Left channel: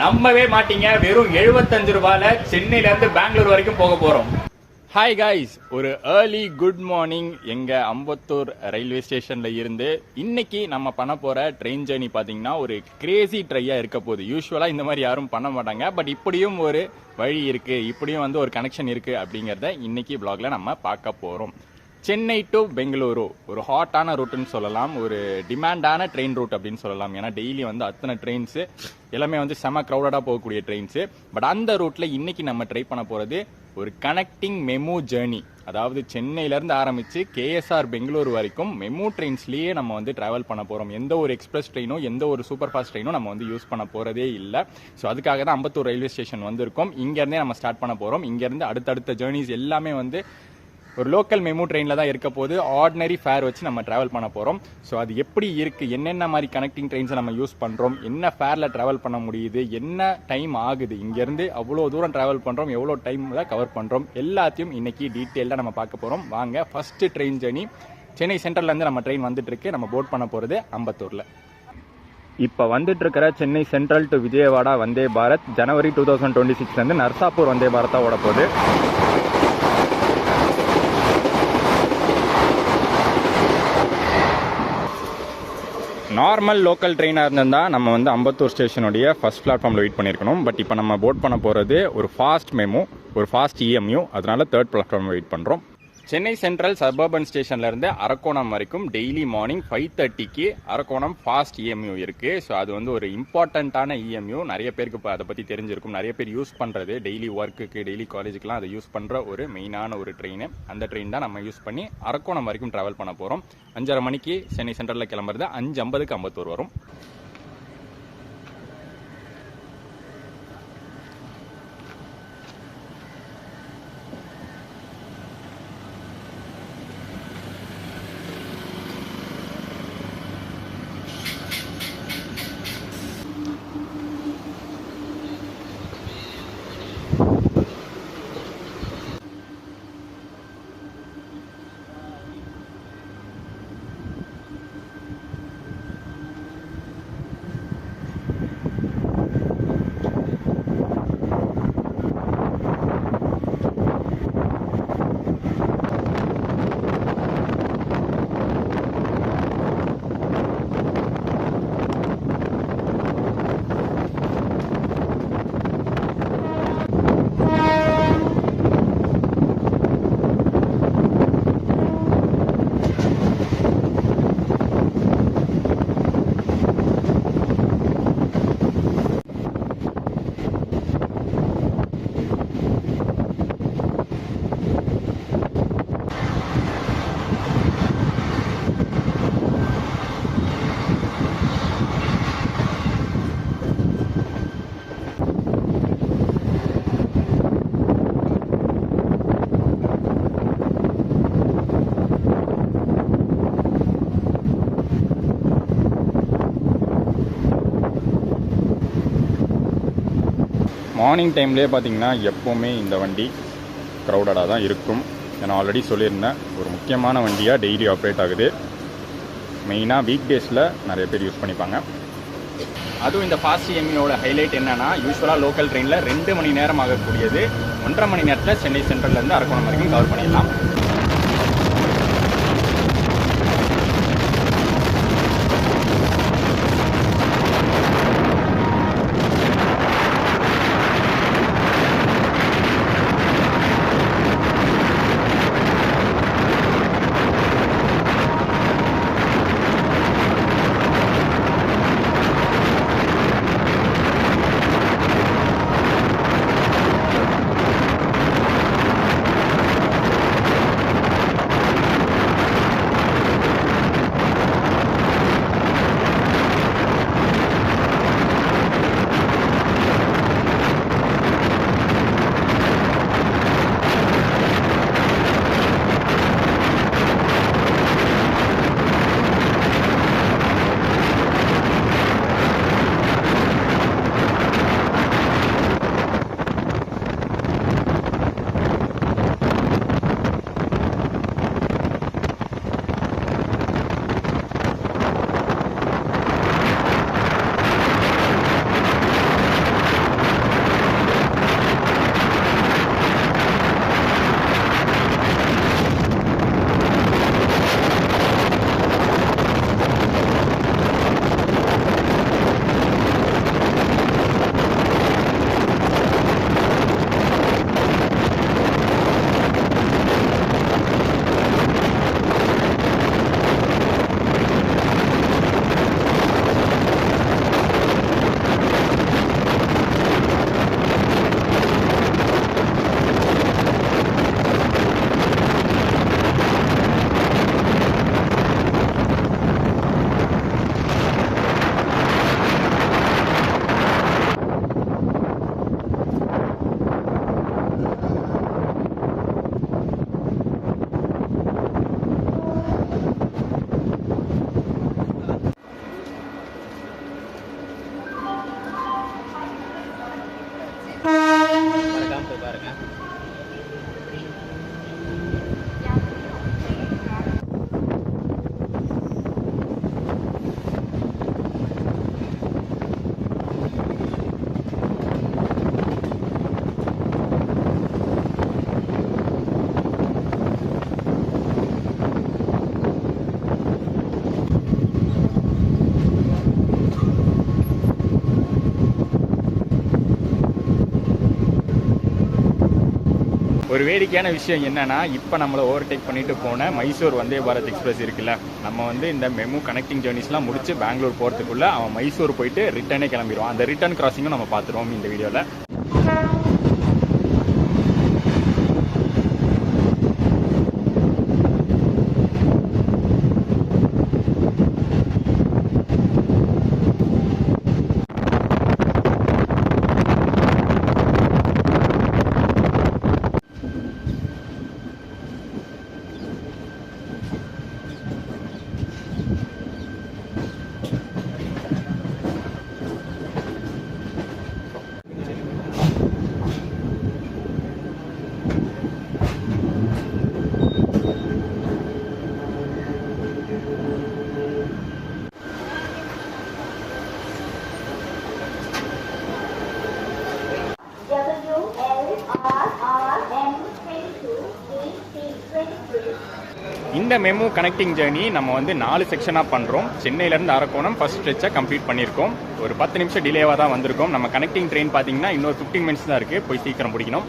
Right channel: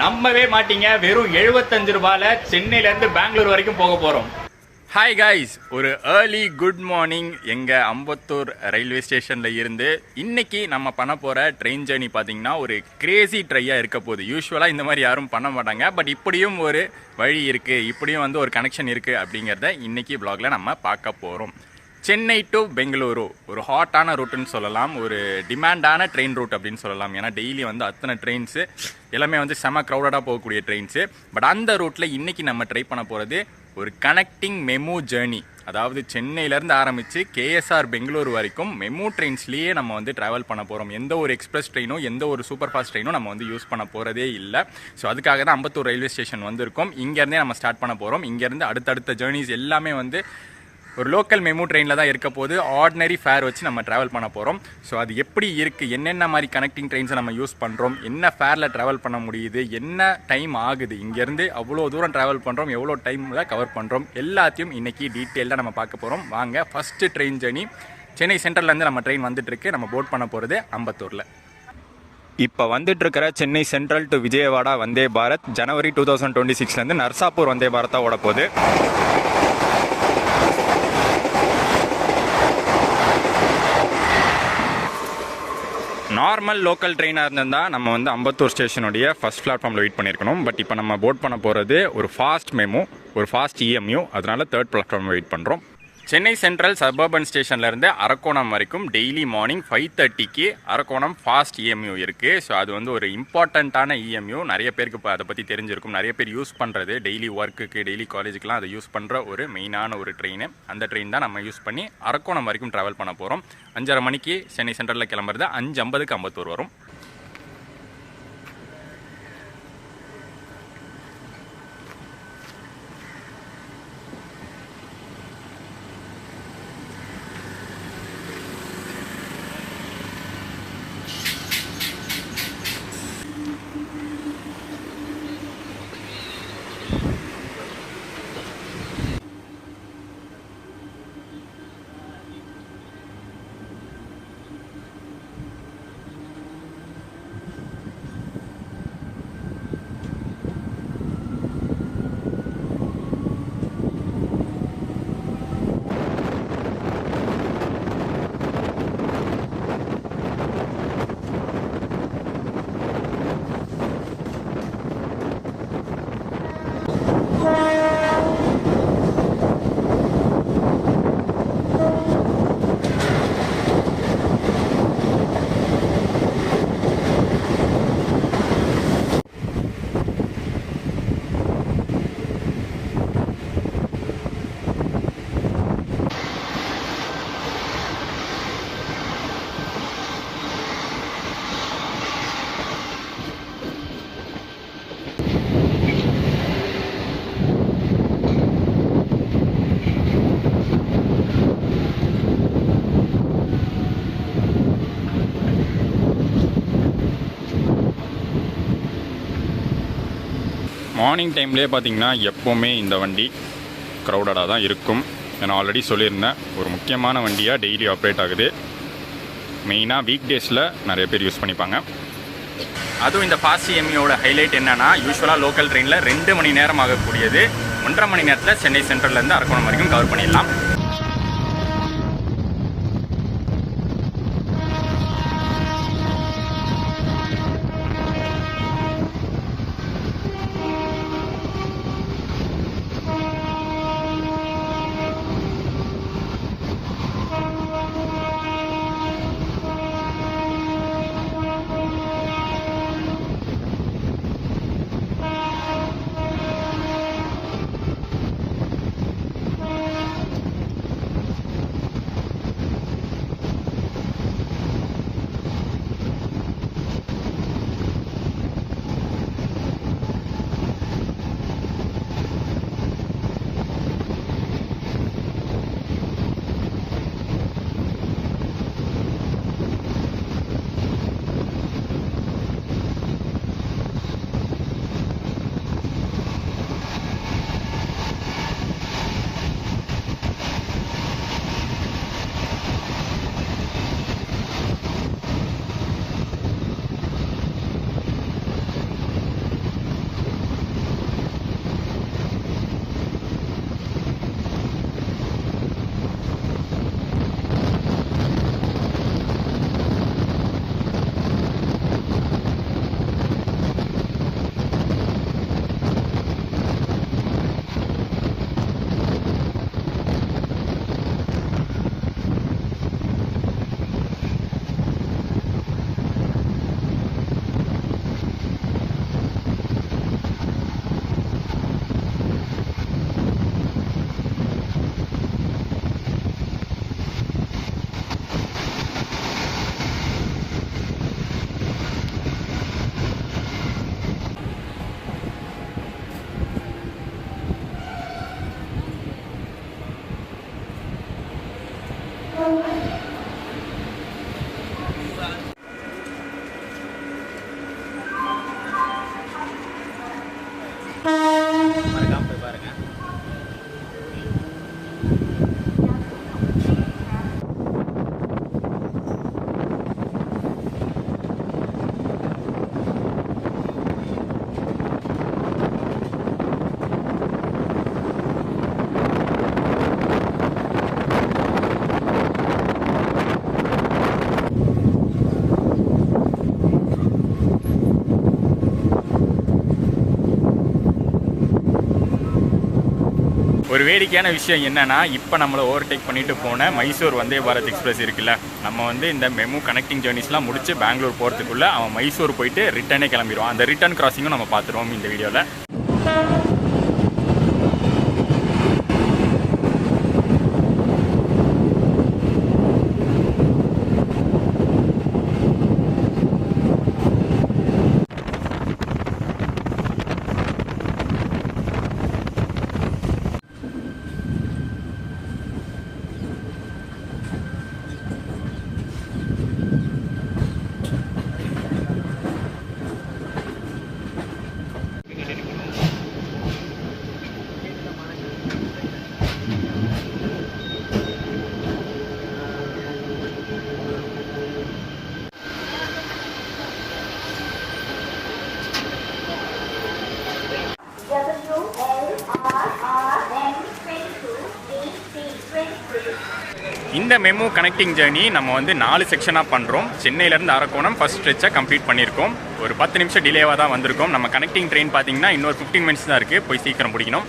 நம்பவே மாட்டீங்க, வெறும் 75 ரூபாயில சென்னையில இருந்து பெங்களூர் வரைக்கும் போக போறோம். ஹாய் காய்ஸ், ஒரு ஏர்லி குட் மார்னிங் எங்கள் அம்பத்தூர் ரயில்வே ஸ்டேஷனில் இருந்து. இன்றைக்கி நம்ம பண்ண போகிற ட்ரெயின் ஜேர்னி பார்த்திங்கன்னா ஒரு கிரேசி ட்ரையாக இருக்க போகுது. யூஸ்வலாக இந்த மாதிரி யாரும் பண்ண மாட்டாங்க, பட் இப்படியும் ஒரு வழி இருக்குது, இப்படியும் வந்து ஒரு கனெக்ஷன் இருக்குது அப்படிங்கிறத இன்றைக்கி வ்ளாகில் நம்ம பார்க்க போகிறோம். சென்னை டு பெங்களூரு ஒரு ஹாட்டான ரூட்டுன்னு சொல்லலாம், ஒரு டிமாண்டான ட்ரெயின் ரூட் அப்படின்னு சொல்லலாம். ஏன்னா டெய்லி வந்து அத்தனை ட்ரெயின்ஸு எல்லாமே வந்து செம க்ரௌடடாக போகக்கூடிய ட்ரெயின்ஸு. பட் அந்த ரூட்டில் இன்றைக்கி நம்ம ட்ரை பண்ண போகிறது ஒரு கனெக்டிங் மெமு ஜேர்னி. அதாவது சென்னையிலேருந்து ஆரம்பித்து கேஎஸ்ஆர் பெங்களூர் வரைக்கும் மெமு ட்ரெயின்ஸ்லேயே நம்ம வந்து ட்ராவல் பண்ண போகிறோம். எந்த ஒரு எக்ஸ்பிரஸ் ட்ரெயினோ எந்த ஒரு சூப்பர் ஃபாஸ்ட் ட்ரெயினோ நம்ம வந்து யூஸ் பண்ண போகிறதே இல்லை. ஸோ அதுக்காக தான் அம்பத்தூர் ரயில்வே ஸ்டேஷன் வந்திருக்கோம். இங்கேருந்தே நம்ம ஸ்டார்ட் பண்ண போகிறோம். இங்கேருந்து அடுத்தடுத்த ஜேர்னிஸ் எல்லாமே வந்து ஒரு லோக்கல் மெமு ட்ரெயினில் தான் இருக்க போது. ஆர்டினரி ஃபேர் வச்சு நம்ம ட்ராவல் பண்ண போகிறோம். ஸோ அது எப்படி இருக்குது, என்னென்ன மாதிரி கனெக்டிங் ட்ரெயின்ஸை நம்ம யூஸ் பண்ணுறோம், என்ன ஃபேரில் ட்ராவல் பண்ண முடியுது, என்ன டைம் ஆகுது, இங்கேருந்து அவ்வளோ தூரம் ட்ராவல் பண்ணுறோம், எவ்வளோ டைமில் கவர் பண்ணுறோம், எல்லாத்தையும் இன்றைக்கி டீட்டெயிலாக நம்ம பார்க்க போகிறோம். வாங்க, ஃபஸ்ட்டு ட்ரெயின் ஜேர்னி. சென்னை சென்ட்ரல்லேருந்து நம்ம ட்ரெயின் வந்துட்டுருக்கு. நம்ம போர்ட் பண்ண போகிறது அம்பத்தூரில். இப்போ வந்துட்டுருக்கிற சென்னை சென்ட்ரல் டு விஜயவாடா வந்தே பாரத் ஜனவரி 2026 நர்சாப்பூர் வந்தே பாரத்தாக ஓட போகுது. நார்மல் லோக்கல் ட்ரெயினாக இருந்திருந்தால் நம்ம வந்து அம்பத்தூர் ஸ்டேஷனுடைய ஃபஸ்ட் பிளாட்ஃபார்மில் வெயிட் பண்ணியிருக்கணும். பட் இப்போ நம்ம போர்ட் பண்ண போகிறது ஒரு ஃபாஸ்ட் மெமு, ஒரு ஃபாஸ்ட் இஎம்யூ. அதனால் தேர்ட் பிளாட்ஃபார்மில் வெயிட் பண்ணுறோம். சென்னை சென்ட்ரல் சபர்பன் ஸ்டேஷன்லேருந்து அரக்கோணம் வரைக்கும் daily morning 5:30க்கு Arakkonam fast EMU இருக்குது. ஸோ அது வந்து ஒரு இம்பார்ட்டண்ட்டான இஎம்யூ. நிறைய பேருக்கு இப்போ அதை பற்றி தெரிஞ்சிருக்கும். நிறைய பேர் யூஸ் பண்ணுறது டெய்லி ஒர்க்குக்கு, டெய்லி காலேஜுக்கெலாம் அதை யூஸ் பண்ணுற ஒரு மெயினான ஒரு ட்ரெயின். அந்த ட்ரெயின் தான் நம்ம யூஸ் பண்ணி அரக்கோணம் வரைக்கும் ட்ராவல் பண்ண போகிறோம். 5:30 மணிக்கு சென்னை சென்ட்ரலில் கிளம்புறது 5:50க்கு அம்பத்தூர் வரும். மார்னிங் டைம்லேயே பார்த்திங்கன்னா எப்போவுமே இந்த வண்டி க்ரௌடடாக தான் இருக்கும். நான் ஆல்ரெடி சொல்லியிருந்தேன், ஒரு முக்கியமான வண்டியாக டெய்லி ஆப்ரேட் ஆகுது. மெயினாக வீக் டேஸில் நிறைய பேர் யூஸ் பண்ணிப்பாங்க. அதுவும் இந்த ஃபாஸ்ட் இஎம்யூவோட ஹைலைட் என்னென்னா, யூஸ்வலாக லோக்கல் ட்ரெயினில் 2 மணி நேரம் ஆகக்கூடியது 1.5 மணி நேரத்தில் சென்னை சென்ட்ரல்லேருந்து அரக்கோணம் வரைக்கும் கவர் பண்ணிடலாம். பாருங்கள். ஒரு வேடிக்கையான விஷயம் என்னன்னா, இப்போ நம்மளை ஓவர்டேக் பண்ணிட்டு போன மைசூர் வந்தே பாரத் எக்ஸ்பிரஸ் இருக்குல்ல, நம்ம வந்து இந்த மெமு கனெக்டிங் ஜேர்னிஸ்லாம் முடிச்சு பெங்களூர் போகிறதுக்குள்ள அவன் மைசூர் போயிட்டு ரிட்டர்னே கிளம்பிடுவான். அந்த ரிட்டர்ன் கிராசிங்கும் நம்ம பார்த்துருவோம் இந்த வீடியோவில். இந்த மெமு கனெக்டிங் ஜேர்னி நம்ம வந்து 4 செக்ஷனாக பண்ணுறோம். சென்னையிலேருந்து அரக்கோணம் ஃபர்ஸ்ட் ஸ்ட்ரெச்சை கம்ப்ளீட் பண்ணியிருக்கோம். ஒரு 10 நிமிஷம் டிலேவாக தான் வந்திருக்கோம். நம்ம கனெக்டிங் ட்ரெயின் பார்த்தீங்கன்னா இன்னொரு 15 மினிட்ஸ் தான் இருக்குது. போய் சீக்கிரம் பிடிக்கணும்.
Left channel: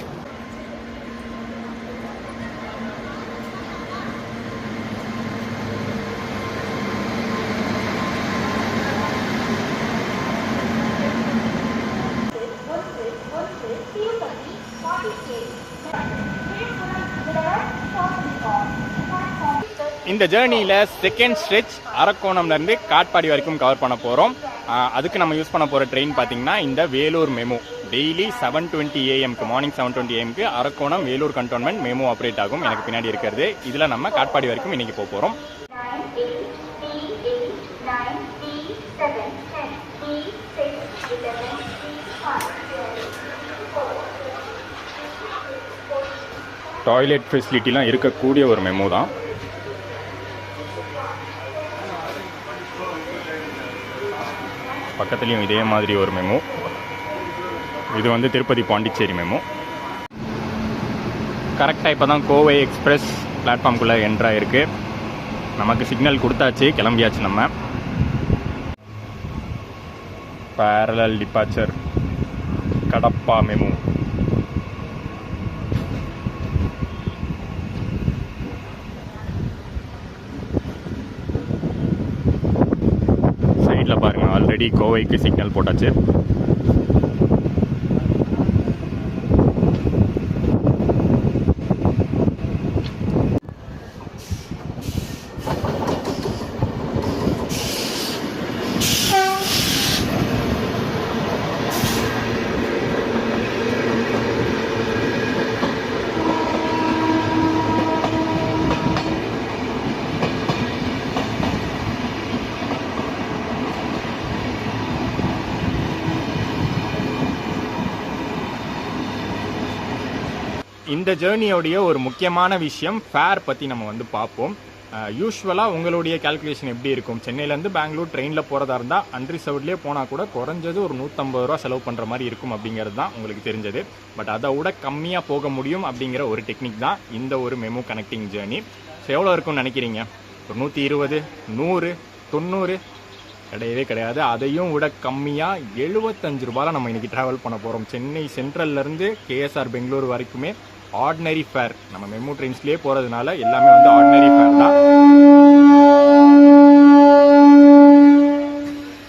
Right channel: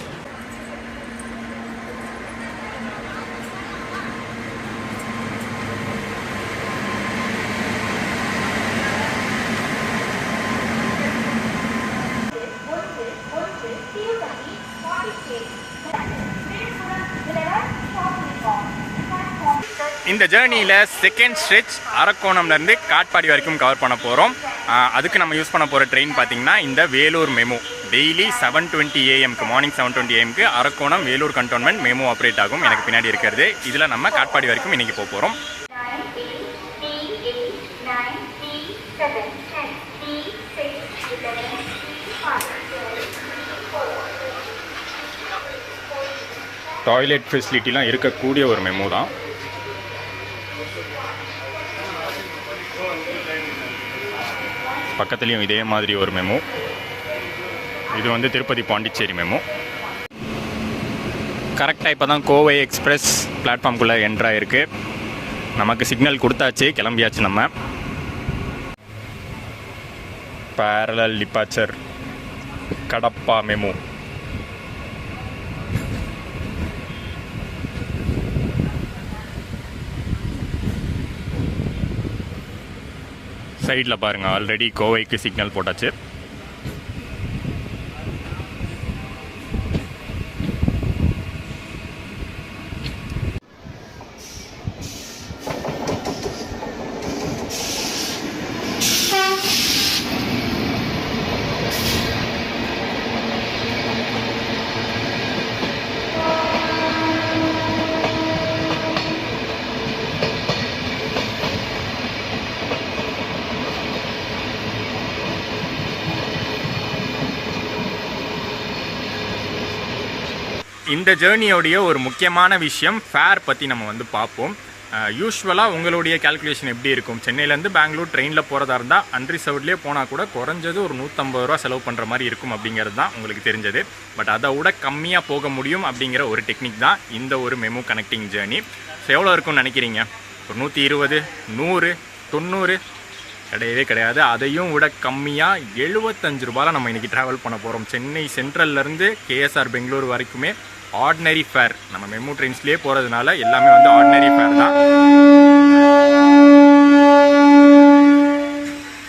இந்த ஜேர்னியில் செகண்ட் ஸ்ட்ரெச் அரக்கோணம்லேருந்து காட்பாடி வரைக்கும் கவர் பண்ண போகிறோம். அதுக்கு நம்ம யூஸ் பண்ண போகிற ட்ரெயின் பார்த்திங்கன்னா இந்த Vellore MEMU. Daily 7:20 AM morning 7:20 AM Arakkonam Vellore cantonment MEMU operate ஆகும். எனக்கு பின்னாடி இருக்கிறது. இதில் நம்ம காட்பாடி வரைக்கும் இன்றைக்கி போக போகிறோம். டாய்லெட் ஃபெசிலிட்டிலாம் இருக்கக்கூடிய ஒரு மெமு தான். பக்கத்துலேயும் இதே மாதிரி ஒரு மெமு. இது வந்து திருப்பதி பாண்டிச்சேரி மெமு. கரெக்டாக இப்போ தான் கோவை எக்ஸ்பிரஸ் பிளாட்ஃபார்ம்குள்ளே என்ட்ராயிருக்கு. நமக்கு சிக்னல் கொடுத்தாச்சு, கிளம்பியாச்சு. நம்ம பேரலல் டிபார்ச்சர் கடப்பா மெமு. சைடில் பாருங்கள், ஆல்ரெடி கோவைக்கு சிக்னல் போட்டாச்சு. இந்த ஜேர்னியோடைய ஒரு முக்கியமான விஷயம் ஃபேர் பற்றி நம்ம வந்து பார்ப்போம். யூஸ்வலாக உங்களுடைய கேல்குலேஷன் எப்படி இருக்கும்? சென்னையிலேருந்து பெங்களூர் ட்ரெயினில் போகிறதா இருந்தால் அன்ரிசர்வ்ட்லேயே போனால் கூட குறைஞ்சது ஒரு 150 ரூபா செலவு பண்ணுற மாதிரி இருக்கும் அப்படிங்கிறது தான் உங்களுக்கு தெரிஞ்சது. பட் அதை விட கம்மியாக போக முடியும் அப்படிங்கிற ஒரு டெக்னிக் தான் இந்த ஒரு மெமு கனெக்டிங் ஜேர்னி. ஸோ எவ்வளோ இருக்கும்னு நினைக்கிறீங்க? ஒரு 120, 100, 90 கிடையவே கிடையாது. அதையும் விட கம்மியாக 75 ரூபாயில் நம்ம இன்றைக்கி ட்ராவல் பண்ண போகிறோம். சென்னை சென்ட்ரல்லேருந்து கேஎஸ்ஆர் பெங்களூர் வரைக்குமே ஆர்டினரி ஃபேர். நம்ம மெமு ட்ரெயின்ஸ்லேயே போகிறதுனால எல்லாமே வந்து ஆர்டினரி ஃபேர் தான்.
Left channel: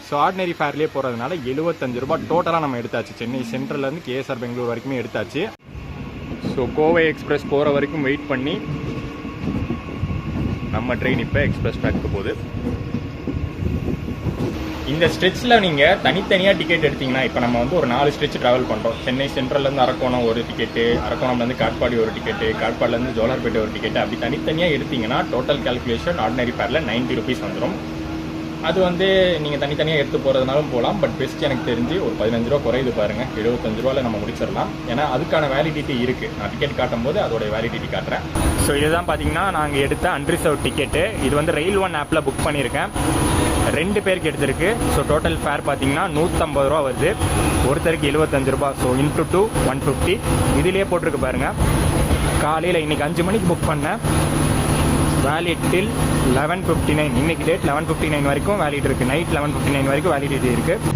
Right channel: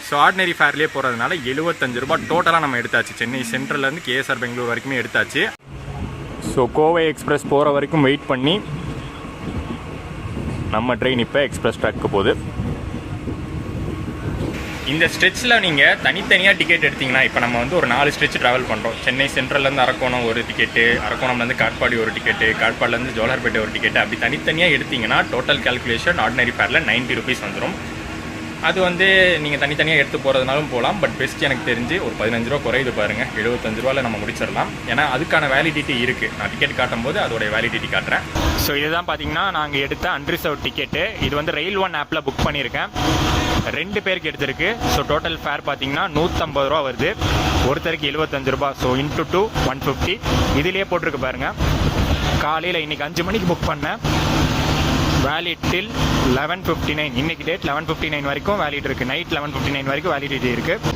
ஸோ ஆர்டினரி ஃபேர்லேயே போகிறதுனால 75 ரூபா டோட்டலாக நம்ம எடுத்தாச்சு. சென்னை சென்ட்ரல்லேருந்து கேஎஸ்ஆர் பெங்களூர் வரைக்குமே எடுத்தாச்சு. ஸோ கோவை எக்ஸ்பிரஸ் போகிற வரைக்கும் வெயிட் பண்ணி நம்ம ட்ரெயின் இப்போ எக்ஸ்பிரஸ் ட்ராக்கு போகுது. இந்த ஸ்ட்ரெச்சில் நீங்கள் தனித்தனியாக டிக்கெட் எடுத்திங்கன்னா, இப்போ நம்ம வந்து ஒரு 4 ஸ்ட்ரெச் ட்ராவல் பண்ணுறோம். சென்னை சென்ட்ரல்லேருந்து அரக்கோணம் ஒரு டிக்கெட்டு, அரக்கோணம்லேருந்து காட்பாடி ஒரு டிக்கெட்டு, காட்பாடிலேருந்து ஜோலார்பேட்டை ஒரு டிக்கெட்டு, அப்படி தனித்தனியாக எடுத்திங்கன்னா டோட்டல் கேல்குலேஷன் ஆர்டினரி ஃபேரில் 90 ருபீஸ் வந்துடும். அது வந்து நீங்கள் தனித்தனியாக எடுத்து போகிறதுனாலும் போகலாம். பட் பெஸ்ட் எனக்கு தெரிஞ்சு ஒரு 15 ரூபா குறையுது பாருங்கள். 75 ரூபாயில் நம்ம முடிச்சிடலாம். ஏன்னா அதுக்கான வேலிடிட்டி இருக்குது. நான் டிக்கெட் காட்டும் போது அதோடைய வேலிடிட்டி காட்டுறேன். ஸோ இதுதான் பார்த்தீங்கன்னா நாங்கள் எடுத்த அன்ரிசர்வ் டிக்கெட்டு. இது வந்து ரயில் ஒன் ஆப்பில் புக் பண்ணியிருக்கேன். 2 பேருக்கு எடுத்திருக்கு. ஸோ டோட்டல் ஃபேர் பார்த்தீங்கன்னா 150 ரூபா வருது. ஒருத்தருக்கு 75 ரூபா. So into 2 150. இதுலேயே போட்டிருக்கு பாருங்கள். காலையில் இன்றைக்கி 5 மணிக்கு புக் பண்ணேன். வேலிட் டில் 11:59. இன்னைக்கு டேட் 11:59 வரைக்கும் வேலிட் இருக்குது. நைட் 11:59 வரைக்கும் வேலிடிட்டி இருக்குது.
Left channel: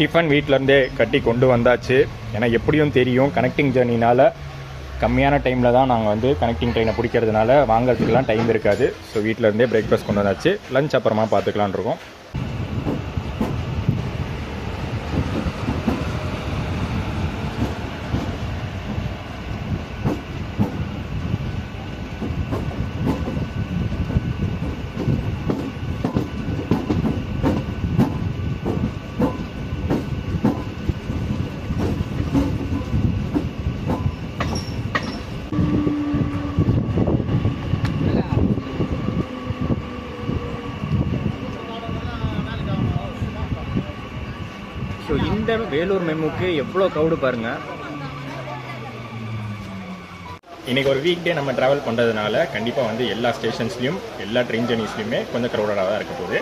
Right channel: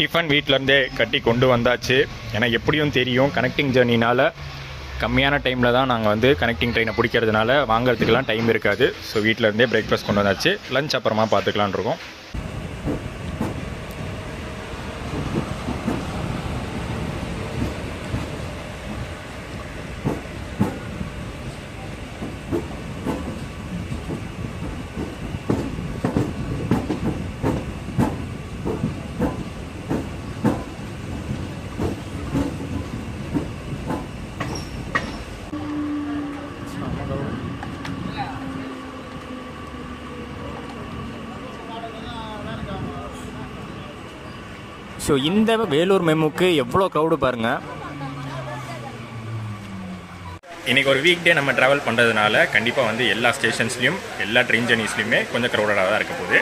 டிஃபன் வீட்டிலேருந்தே கட்டி கொண்டு வந்தாச்சு. ஏன்னா எப்படியும் தெரியும் கனெக்டிங் ஜேர்னினால் கம்மியான டைமில் தான் நாங்கள் வந்து கனெக்டிங் ட்ரெயினை பிடிக்கிறதுனால வாங்கிறதுக்கெலாம் டைம் இருக்காது. ஸோ வீட்டிலேருந்தே பிரேக்ஃபாஸ்ட் கொண்டு வந்தாச்சு. லஞ்ச் அப்புறமா பார்த்துக்கலான் இருக்கோம். ஸோ இந்த வேலூர் மெமுக்கு எவ்வளோ க்ரௌடு பாருங்கள். இன்றைக்கி ஒரு வீக் டே நம்ம ட்ராவல் பண்ணுறதுனால கண்டிப்பாக வந்து எல்லா ஸ்டேஷன்ஸ்லையும் எல்லா ட்ரெயின் ஜர்னிஸ்லையுமே கொஞ்சம் க்ரௌடடாக தான் இருக்க போகுது.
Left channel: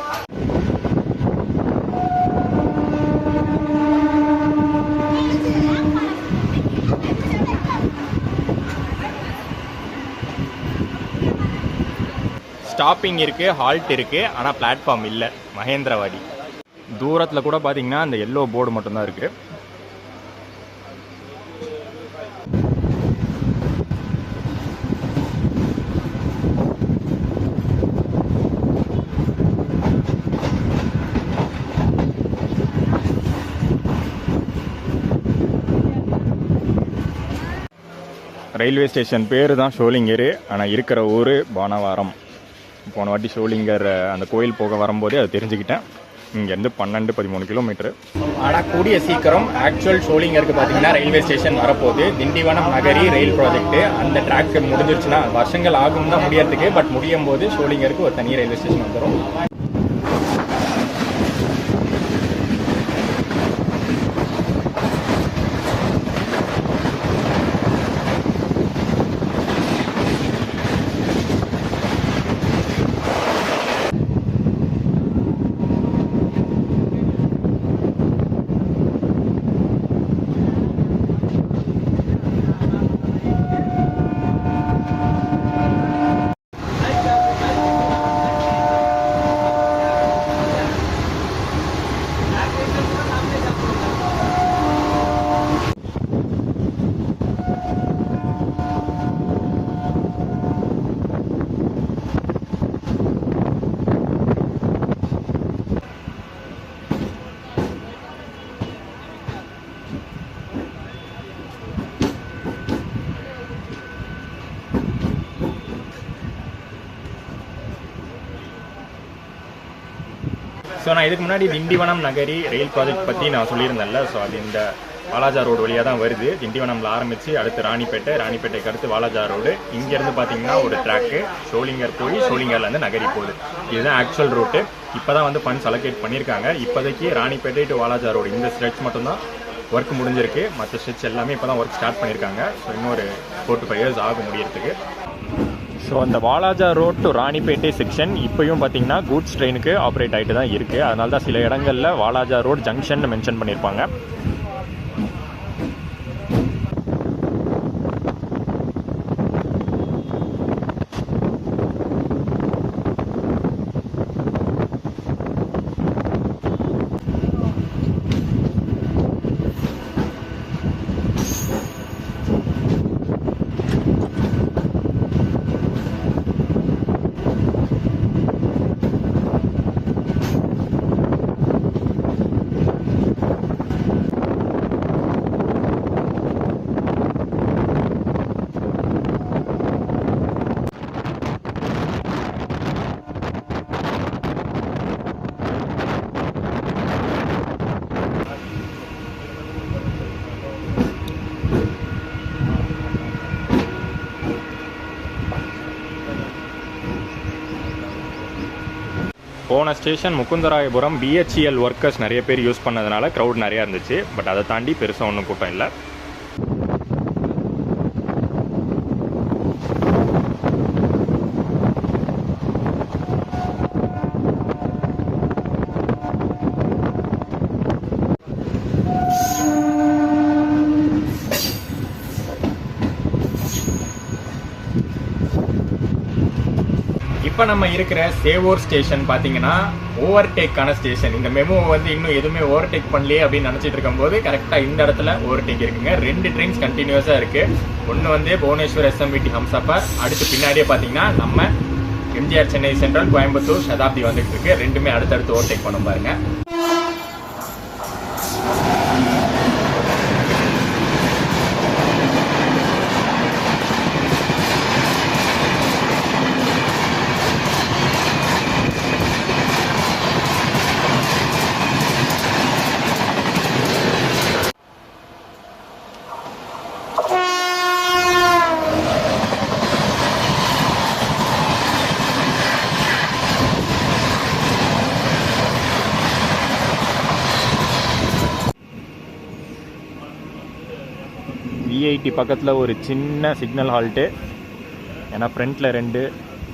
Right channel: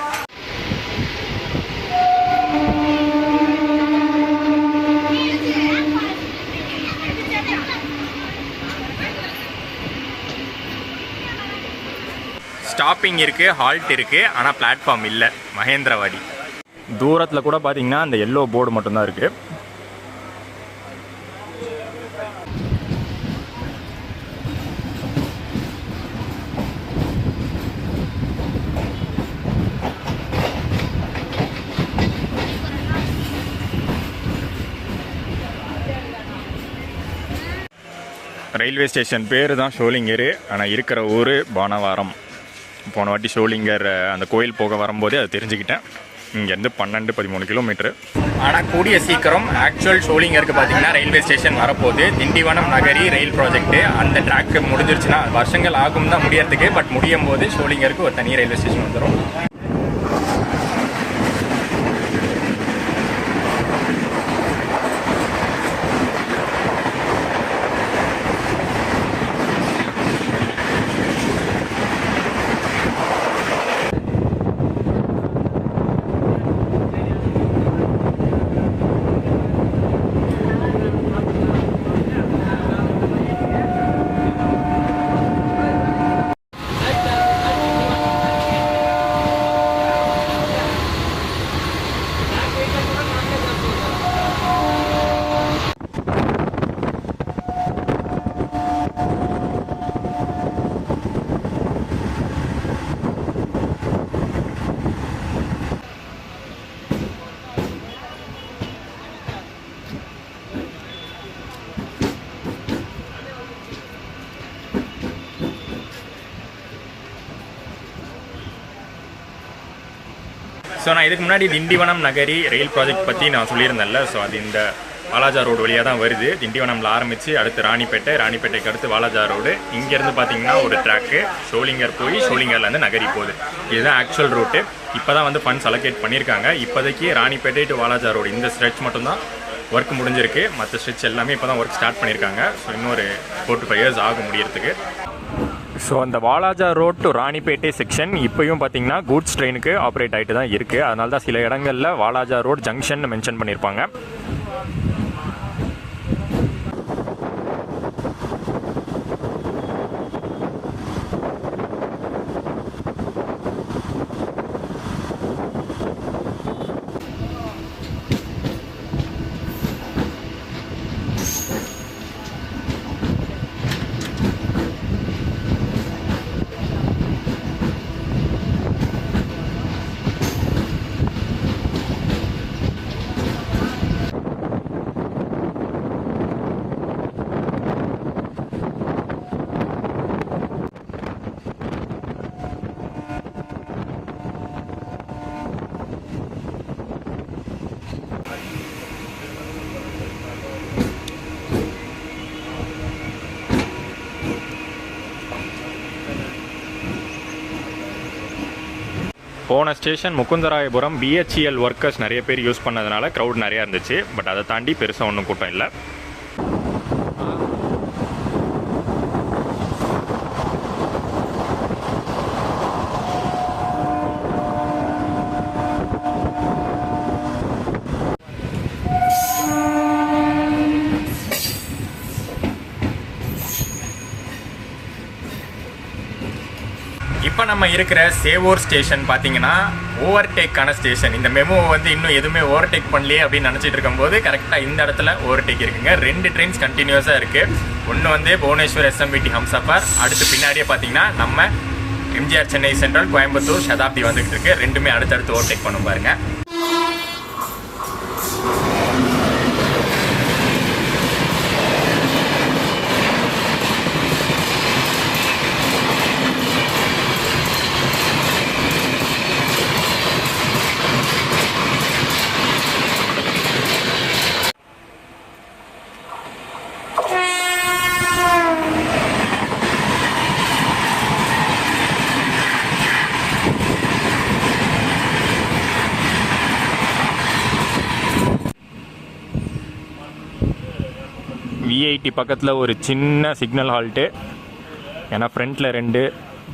ஸ்டாப்பிங் இருக்குது, ஹால்ட் இருக்குது, ஆனால் பிளாட்ஃபார்ம் இல்லை. மகேந்திரவாடி தூரத்தில் கூட பார்த்தீங்கன்னா அந்த எல்லோ போர்டு மட்டும்தான் இருக்குது. ரயில்வே ஸ்டேஷன் பேர் தான் ஷோலிங்கர். ஆனால் இருக்கிற ஊர் பானவாரம். போன வாட்டி ஷோலிங்கர் அந்த கோயில் போக வரும்போதே அதை தெரிஞ்சுக்கிட்டேன். இங்கேருந்து 12-13 கிலோமீட்டரு. ஆனால் கூடிய சீக்கிரம் ஆக்சுவல் ஷோலிங்கருக்கு பார்த்தீங்கன்னா ரயில்வே ஸ்டேஷன் வரப்போகுது. திண்டிவனம் நகரி ரயில் ப்ராஜெக்ட்டு அந்த ட்ராக்கு முடிஞ்சிருச்சுன்னா வருஷங்கள் ஆகும் தான் முடியறதுக்கு. பட் முடியும் போது ஷோலிங்கருக்கு ஒரு தனி ரயில்வே ஸ்டேஷன் வந்துடும். ஸோ நான் இதுக்கு முன்னாடி திண்டிவனம் நகரி ரயில் ப்ராஜெக்ட் பற்றி நான் சொல்லியிருந்தேன்ல. ஸோ அது இந்த வாலாஜா ரோடு வழியாக தான் வருது. திண்டிவனமில் ஆரம்பித்து அடுத்து ராணிப்பேட்டை, ராணிப்பேட்டைக்கு அடுத்து வாலாஜா ரோடு. இங்கேருந்து பார்த்தீங்கன்னா ஒரு ட்ராக்கு ஷோலிங்கர் போய் ஷோலிங்கர்லேருந்து நகரி போகுது. இதுதான் ஆக்சுவல் ரூட்டு. இப்போ தான் வந்து ஃபண்ட்ஸ் அலோகேட் பண்ணியிருக்காங்க. இப்போதைக்கு ராணிப்பேட்டை டு வாலாஜா ரோடு இந்த ஸ்ட்ரெச் மட்டும்தான் ஒர்க் முடிஞ்சிருக்கு. மற்ற ஸ்ட்ரெச் எல்லாமே இப்போ தான் ஒர்க் ஸ்டார்ட் பண்ணியிருக்காங்க. ஸோ இன்னொரு 4 to 5 years ஆகும் முடியறதுக்கு. ஸோ அந்த Walaja road to Ranipet section இப்போயும் பார்த்தீங்கன்னா கூட்ஸ் ட்ரெயினுக்கு ஆப்ரேட் ஆகிட்டு தான் இருக்குது. அதனால தான் சில இடங்களில் வாலாஜா ரோட் ஜங்ஷன் மென்ஷன் பண்ணியிருப்பாங்க. போன ஸ்டேஷன் முகுந்தராயபுரம் பிஹெச்இஎல் ஒர்க்கர்ஸ் நிறைய பேர் யூஸ் பண்ணதுனால க்ரௌட் நிறையா இருந்துச்சு. பட் அதை தாண்டி பெருசாக ஒன்றும் கூட்டம் இல்லை. இப்போ நம்ம இருக்கிற சேவூர் ஸ்டேஷன் பார்த்தீங்கன்னா ஓவர்டேக்கான ஸ்டேஷன். இந்த மெமோ வந்து இன்னும் எதுவுமே ஓவர்டேக் பண்ணலையே அப்படின்னு நினச்சிட்டு இருக்கும்போது கரெக்டாக இந்த இடத்துல ஓவர்டேக் இருக்குங்க. 2 ட்ரெயின்ஸ் கண்டினியூஸாக இருக்குது. ஒன்று வந்து புவனேஸ்வர் எஸ்எம்விடி ஹம்சஃபர், அடுத்து பின்னாடியே பார்த்தீங்கன்னா நம்ம எம்ஜிஆர் சென்னை சென்ட்ரல் கோயம்புத்தூர் சதாப்தி வந்துகிட்டு இருக்கு. ரெண்டுமே அடுத்தடுத்து ஓவர்டேக் பண்ணும் பாருங்க. விஐடி பக்கத்தில் ஒரு சின்ன சிக்னல் ஹால்ட்டு. ஏன்னா ஃப்ரண்ட்டில் 2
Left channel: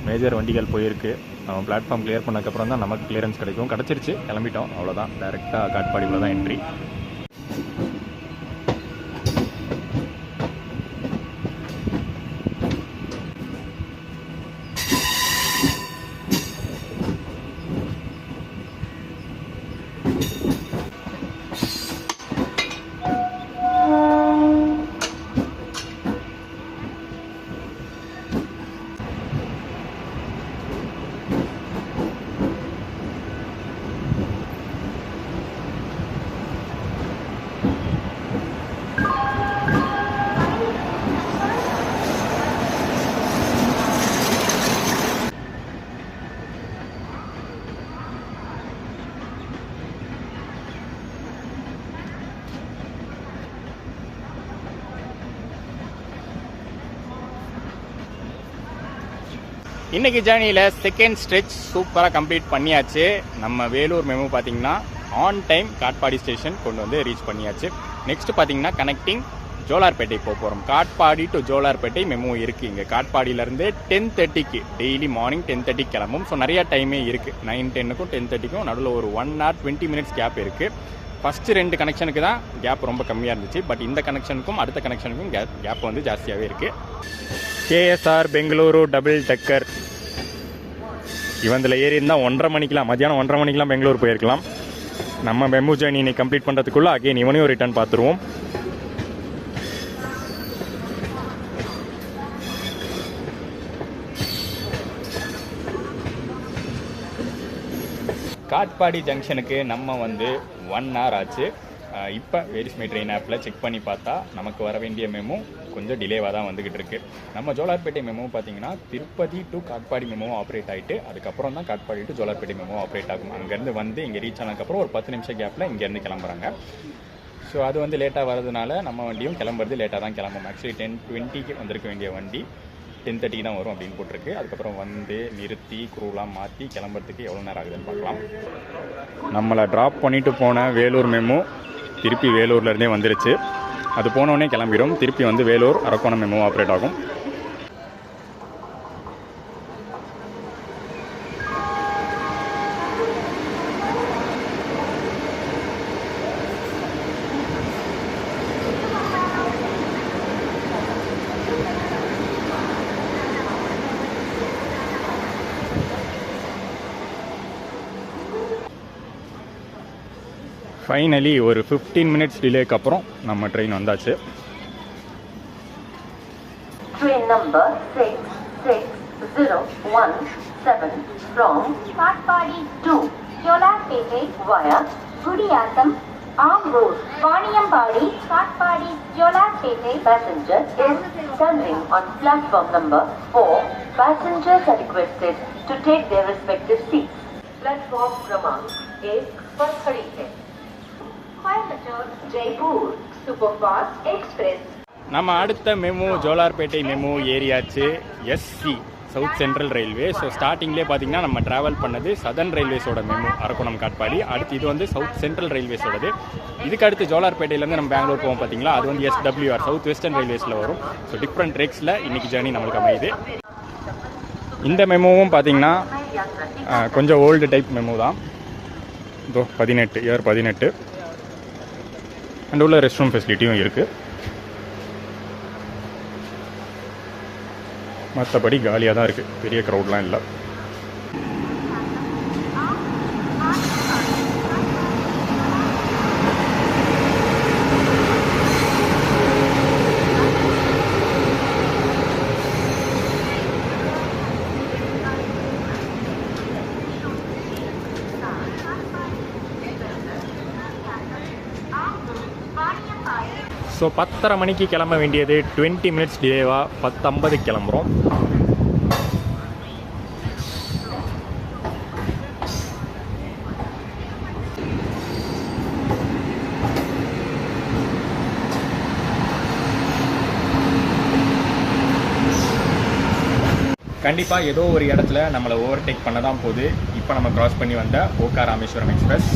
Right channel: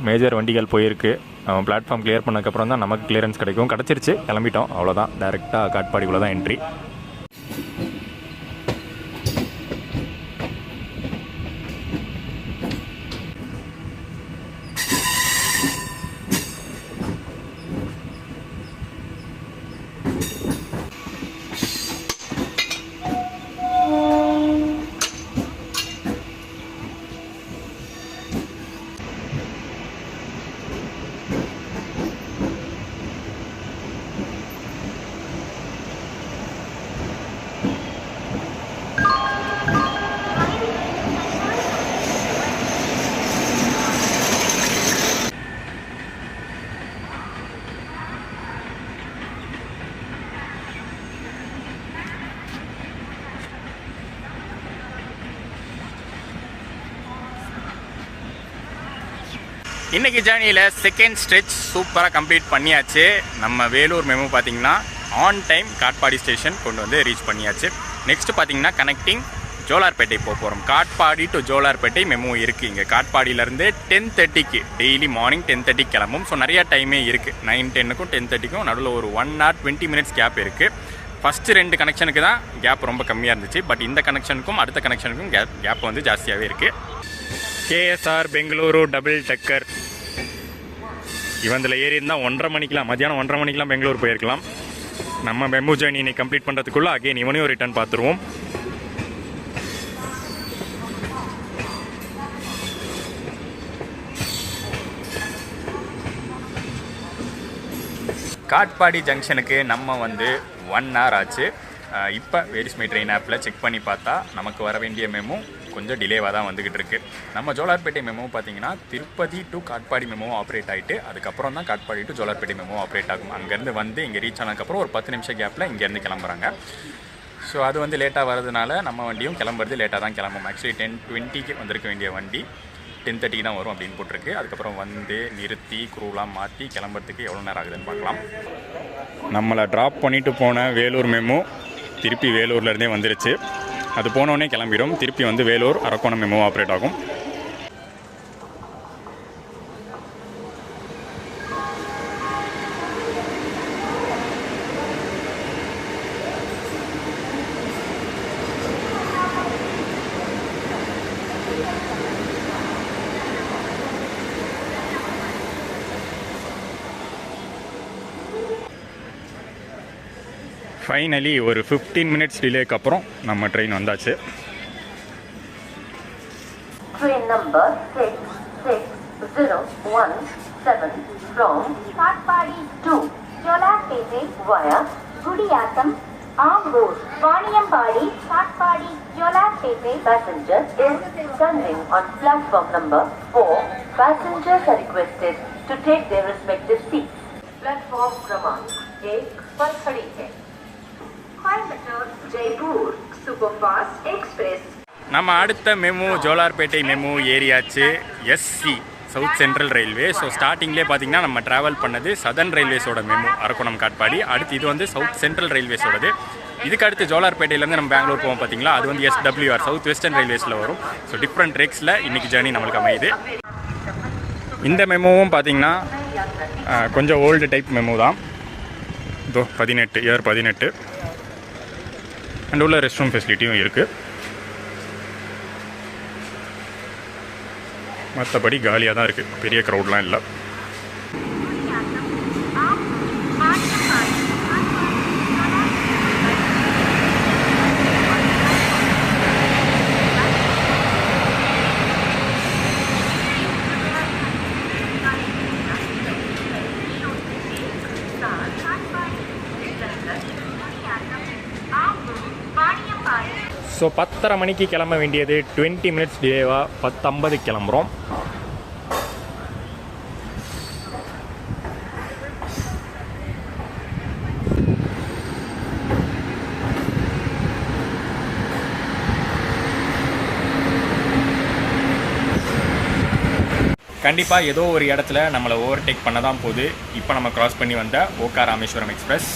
மேஜர் வண்டிகள் போயிருக்கு. நம்ம பிளாட்ஃபார்ம் கிளியர் பண்ணதுக்கப்புறம் தான் நமக்கு கிளியரன்ஸ் கிடைக்கும். கிடச்சிருச்சு, கிளம்பிட்டோம், அவ்வளோதான். டேரெக்டாக காட்பாடிக்குள்ளே தான் என்ட்ரி. இன்றைக்கி ஜேர்னியில் செகண்ட் ஸ்ட்ரெச் சூப்பராக கம்ப்ளீட் பண்ணியாச்சு. நம்ம வேலூர் மெமோ பார்த்திங்கன்னா ஆன் டைம் காட்பாடி ஸ்டேஷன் கொண்டு வந்து ரீச் பண்ணியாச்சு. நெக்ஸ்ட்டு பார்த்திங்கன்னா கனெக்டிங் ஜோலார்பேட்டை போக போகிறோம். காட்பாடி டு ஜோலார்பேட்டை மெமோ இருக்குது. இங்கே காட்பாடியிலேருந்து 10:30க்கு டெய்லி மார்னிங் 10:30 கிளம்பும். ஸோ நிறையா டைமே இருக்குது. 9:10க்கும் 10:30க்கும் நடுவில் ஒரு 1 hour 20 minutes கேப் இருக்குது. ஃபஸ்ட்டு 2 கனெக்ஷனுக்கு தான் கேப் ரொம்ப கம்மியாக இருந்துச்சு. பட் இந்த கனெக்ஷனுக்கும் அடுத்த கனெக்ஷனுக்கும் கேப் வந்து ஜாஸ்தியாகவே இருக்குது. கேஎஸ்ஆர் பெங்களூரு டபுள் டக்கர் இவந்தில் ஏறி இருந்தால் 1:30 மணிக்கெலாம், மத்தியானம் 1:30 மணிக்கெலாம் பெங்களூர் போயிருக்கலாம். நம்ம மெமோ ஜேர்னி இன்னைக்கு கம்ப்ளீட் பண்ணுறதுக்குள்ளே அகைன் இவனையும் ரிட்டர்ன் பார்த்துருவோம். காட்பாடி ஜங்ஷனுக்கு நம்ம வந்து 1 hour ஆச்சு. இப்போ வேரிஸ் மை ட்ரெயின் ஆப்பில் செக் பண்ணி பார்த்தா நமக்கு வர வேண்டிய மெமோ கொஞ்சம் டிலேவாக தான் வந்துக்கிட்டு இருக்குது. நம்ம ஜோலார்பேட்டை மெமோ பார்த்தீங்கன்னா Tirupati to Katpadi memo operate ஆகிட்டு அதுக்கப்புறம் தான் Katpadi to Jolarpettai memo operate ஆகும். அங்கேருந்து வந்து இங்கே ரீச் ஆனதுக்கப்புறம் ஒரு 10 நிமிஷம் கேப்பில் இங்கேருந்து கிளம்புறாங்க. ஸோ அது வந்து லேட்டாக வரதுனால நம்ம வண்டியும் கிளம்புறது லேட்டாக தான் கிளம்பும். ஆக்சுவலி 10:20க்கு வந்திருக்க வேண்டிய வண்டி 10:30 தான் வரும் அப்படின்னு போட்டிருக்கு. அதுக்கப்புறம் வந்து நிறுத்தி குரூலாம் மாற்றி கிளம்புறதுக்கு எவ்வளோ நேரம் ஆகுதுன்னு பார்க்கலாம். நம்மளை ட்ராப் பண்ணிவிட்டு போன வேலூர் மெமோ திருப்பி வேலூர்லேருந்தே வந்துருச்சு. அது போனோடனே கிளம்பிடும். திருப்பி வந்து வேலூர் அரக்கோணம் மெமோ ஆப்ரேட் ஆகும். ஃபைனலி ஒரு 15 minutes டிலேக்கு அப்புறம் நம்ம ட்ரெயின் வந்தாச்சு. Train number 66017 from Katpadi to Jolapete via Gudiyattam, Amroad, Vaniyambadi, Katpadi, Jolapete. Passenger is coming on platform number 4. Passengers are requested to take their respective seats. Platform Kramank 1 पर खड़ी है Coimbatore Jaipur Superfast Express. நம்ம அடுத்த memo Jolarpettai memo ஏரியாச்சு. SC south central railway. So ஸ்டார்டிங்லேயே பார்த்தீங்கன்னா நம்ம travel பண்ணது சதர்ன் ரயில்வேஸோட மெமு அரக்கோணம் காட்பாடி. அடுத்து இது வந்து சவுத் சென்ட்ரல் ரயில்வேஸோடது. இதுக்கு அடுத்து ஜோலார்பேட்டையிலேருந்து நம்ம பெங்களூர் போவோம் பார்த்தீங்களா, அது வந்து SWR சவுத் வெஸ்டர்ன் ரயில்வேஸில் வரும். ஸோ டிஃப்ரெண்ட் ட்ரெக்ஸில் இன்றைக்கி ஜேர்னி நம்மளுக்கு அமையுது. இந்த மெமோவும் பார்த்தீங்கன்னா கொஞ்சம் ஓல்டு டைப் மெமோ தான். இதோ 18 இயர் 18 அண்ட் உள்ள ரெஸ்ட் ரூம் ஃபெசிலிட்டியும் இருக்குது. மற்றபடி காலியாக தான் இருக்குது, பெரிய க்ரௌட்லாம் இல்லை. ஸோ 10:30 மணிக்கு கிளம்ப வேண்டியது 20 மினிட்ஸ் டிலேவாக 10:50 கிளம்புறோம். கண்டிப்பாக ஏதோ ஒரு இடத்துல நம்மளை ஓவர்டேக் பண்ண தான் போகுது. இப்போ நம்ம கிராஸ் பண்ணி வந்த ஓகா ராமேஸ்வரம் எக்ஸ்பிரஸ்.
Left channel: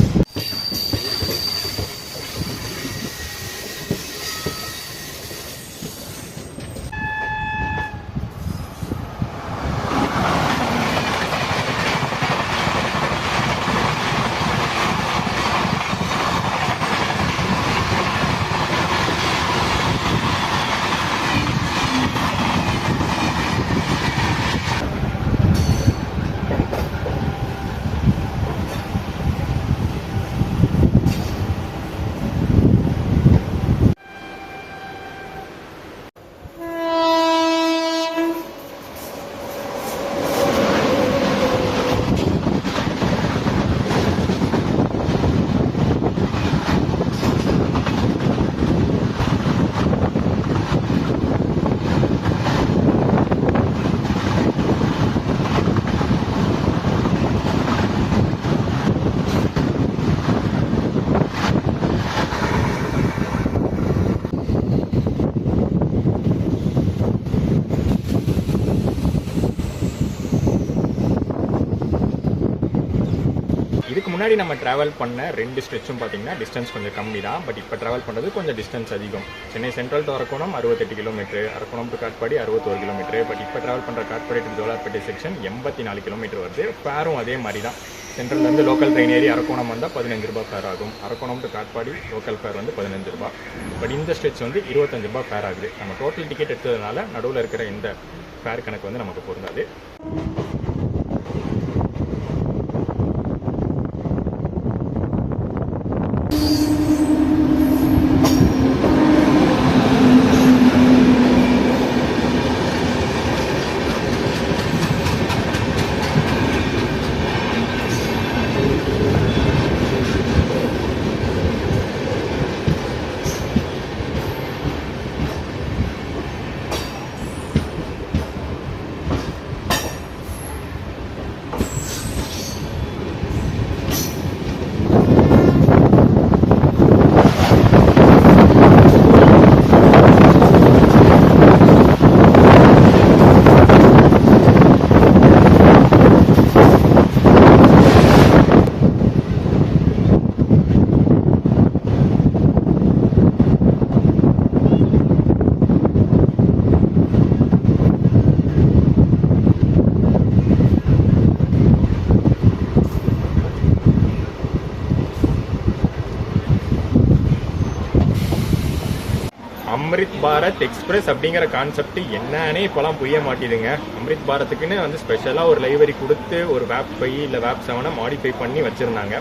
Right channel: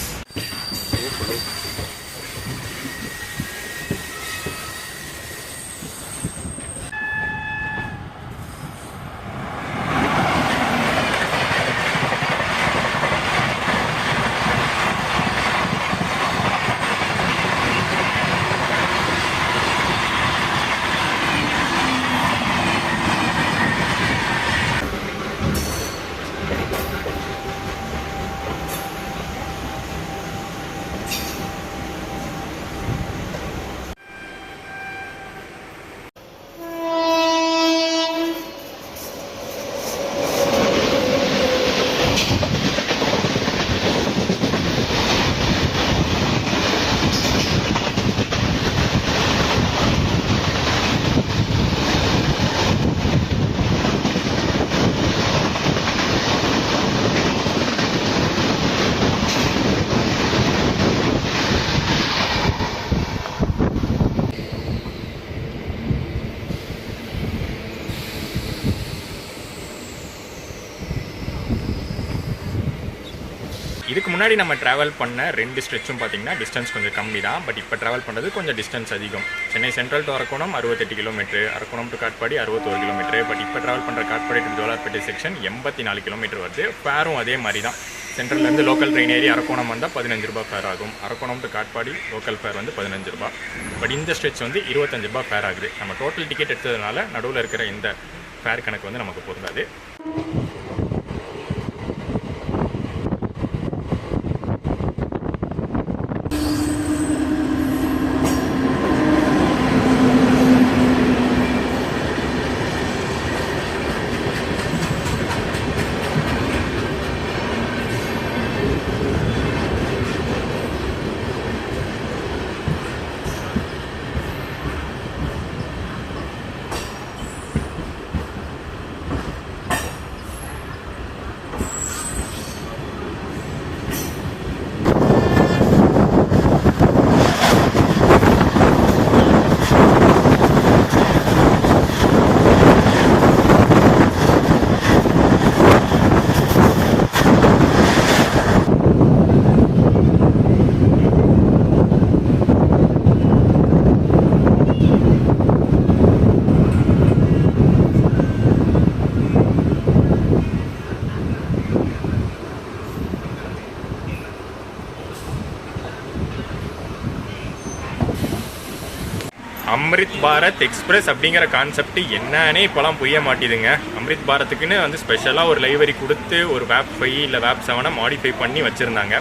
இதுக்கு முன்னாடி நம்ம ட்ராவல் பண்ண 2 ஸ்ட்ரெச்சும் பார்த்தீங்கன்னா டிஸ்டன்ஸ் கொஞ்சம் கம்மி தான். பட் இப்போ ட்ராவல் பண்ணுறது கொஞ்சம் டிஸ்டன்ஸ் அதிகம். Chennai central to Arakkonam 68 kilometre, Arakkonam to Katpadi 61 kilometre. But இப்போ ட்ராவல் பண்ணுற Katpadi to Jolarpettai section 84 kilometre வருது. ஃபேரும் அதே மாதிரி தான். சென்ட்ரல்லேருந்து லோக்கல் ட்ரெயின் ஏறி அரக்கோணம் வந்தால் 15 ரூபா ஃபேர் ஆகும். Arakkonam to Katpadi local fare வந்து 15 ரூபா. பட் இந்த ஸ்ட்ரெச் வந்து 25 ரூபா ஃபேர் ஆகுது. நம்ம டோட்டல் டிக்கெட் எடுத்ததுனால நடுவில் இருக்கிற இந்த ஃபேர் கணக்கு வந்து நமக்கு பொருந்தாது. அம்ரித் பாரத் எக்ஸ்பிரஸ் அப்படிங்கிற கான்செப்ட் என்னன்னே இப்போலாம் புரிய மாட்டேதுங்க. அம்ரித் பாரத்துக்குன்னு வந்து ஸ்பெஷலாக ஒரு லைவரி கொடுத்து ஒரு வேப் 5 இல்லை வேப் 7 மாடிஃபை பண்ணி வச்சுருந்தாங்க.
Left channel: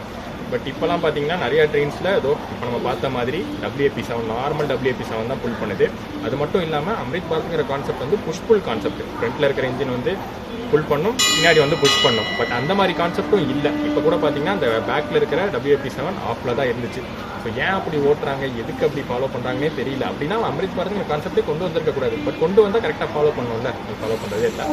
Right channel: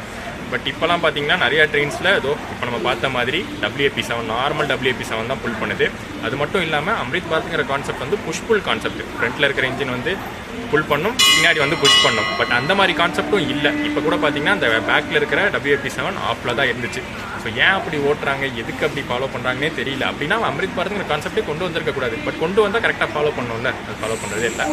பட் இப்போலாம் பார்த்தீங்கன்னா நிறையா ட்ரெயின்ஸில் ஏதோ இப்போ நம்ம பார்த்த மாதிரி WAP7 நார்மல் WAP7 தான் புல் பண்ணுது. அது மட்டும் இல்லாமல் அம்ரித் பாரத்துங்கிற கான்செப்ட் வந்து புஷ் புல் கான்செப்ட். ஃப்ரண்ட்டில் இருக்கிற இன்ஜின் வந்து புல் பண்ணும், பின்னாடி வந்து புஷ் பண்ணும். பட் அந்த மாதிரி கான்செப்டும் இல்லை. இப்போ கூட பார்த்தீங்கன்னா அந்த பேக்கில் இருக்கிற WAP7 ஆஃபில் தான் இருந்துச்சு. ஸோ ஏன் அப்படி ஓட்டுறாங்க, எதுக்கு அப்படி ஃபாலோ பண்ணுறாங்கன்னே தெரியல. அப்படின்னா அம்ரித் பாரத்ங்கிற கான்செப்டே கொண்டு வந்திருக்கக்கூடாது. பட் கொண்டு வந்தால் கரெக்டாக ஃபாலோ பண்ணணும்ல, அது ஃபாலோ பண்ணுறதே இல்லை.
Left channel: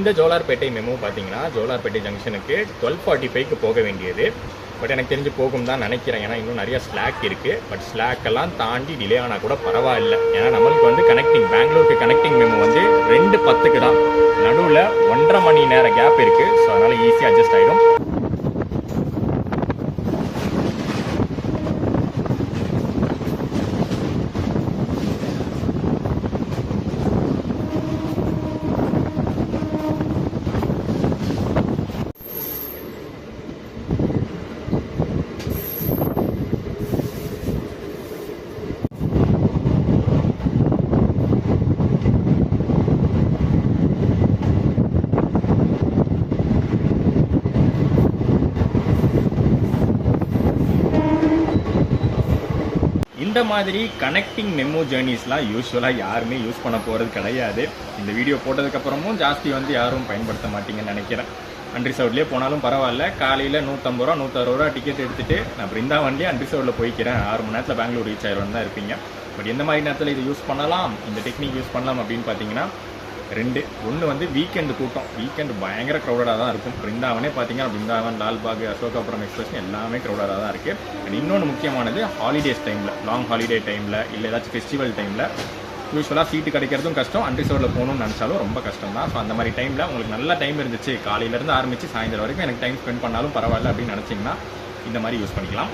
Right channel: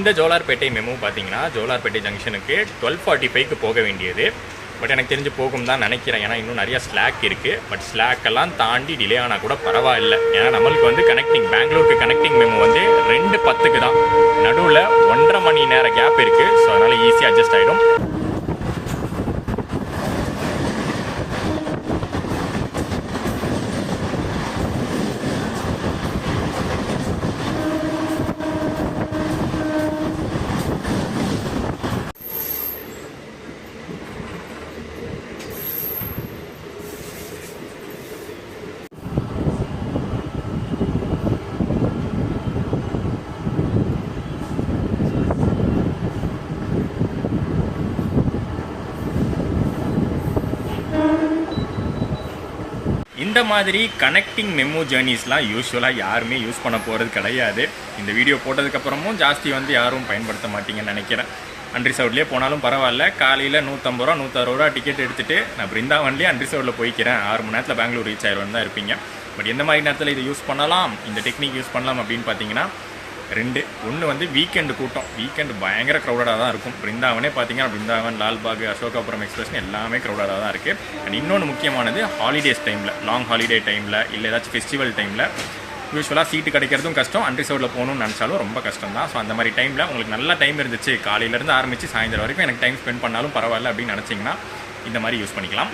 இந்த ஜோலார்பேட்டை மெமு பார்த்தீங்கன்னா ஜோலார்பேட்டை ஜங்ஷனுக்கு 12:45க்கு போக வேண்டியது. பட் எனக்கு தெரிஞ்சு போகும் தான் நினைக்கிறேன். ஏன்னா இன்னும் நிறைய ஸ்லாக் இருக்குது. பட் ஸ்லாக்கெல்லாம் தாண்டி டிலே ஆனால் கூட பரவாயில்லை. ஏன்னா நம்மளுக்கு வந்து கனெக்டிங் பெங்களூருக்கு கனெக்டிங் மெமு வந்து 2:10க்கு தான். நடுவில் 1.5 மணி நேரம் கேப் இருக்குது. ஸோ அதனால் ஈஸியாக அட்ஜஸ்ட் ஆகிடும். இந்த மாதிரி கனெக்டிங் மெமோ ஜேர்னிஸ்லாம் யூஸ்வலாக யாருமே யூஸ் பண்ண போகிறது கிடையாது. இந்த வீடியோ போட்டதுக்கப்புறமும் ஜாஸ்தி வந்து யாரும் பயன்படுத்த மாட்டீங்கன்னு நினைக்கிறேன். அன்ரிசர்வ்ட்லேயே போனாலும் பரவாயில்ல. காலையில் 150 ரூபா 160 ரூபா டிக்கெட் எடுத்துகிட்டு நான் பிருந்தாவன்லேயே அன்ரிசர்வ்டில் போய்க்கிறேன், 6 மணி நேரத்தில் பெங்களூர் ரீச் ஆயிடுவேன் தான் இருப்பீங்க. பட் எந்த மாதிரி நேரத்தில் இதை யூஸ் பண்ணலாம், இந்த டெக்னிக் யூஸ் பண்ணலாம் அப்படின்னு பார்த்தீங்கன்னா ஒன்று வந்து வீக்கெண்டு கூட்டம். வீக்கெண்டு பயங்கர க்ரௌடடாக தான் இருக்கும். பிருந்தாவனே பார்த்தீங்கன்னா பிருந்தாவன், லால்பாக், அசோகாபுரம் எக்ஸ்பிரஸ் எல்லாமே க்ரௌடடாக தான் இருக்குது. அண்ட் இன்னொன்று முக்கியமானது ஹாலிடேஸ் டைமில், லாங் ஹாலிடே டைமில் இல்லை ஏதாச்சும் ஃபெஸ்டிவல் டைமில் யூஸ்வலாக சீட்டு கிடைக்கிறதும் கஷ்டம், அன்ரிசர்வ்டில் போகணும்னு நினச்சாலும் ரொம்ப கஷ்டம் தான். ஸோ அந்த மாதிரி டைமில் உங்களுக்கு நல்ல டைம் இருந்துச்சு, காலையிலேருந்து ஆரம்பித்து சாயந்தரம் வரைக்கும் எனக்கு டைம் ஸ்பெண்ட் பண்ணாலும் பரவாயில்ல அப்படின்னு நினச்சிங்கன்னா இந்த மாதிரி யூஸ் பண்ணிக்கலாம்.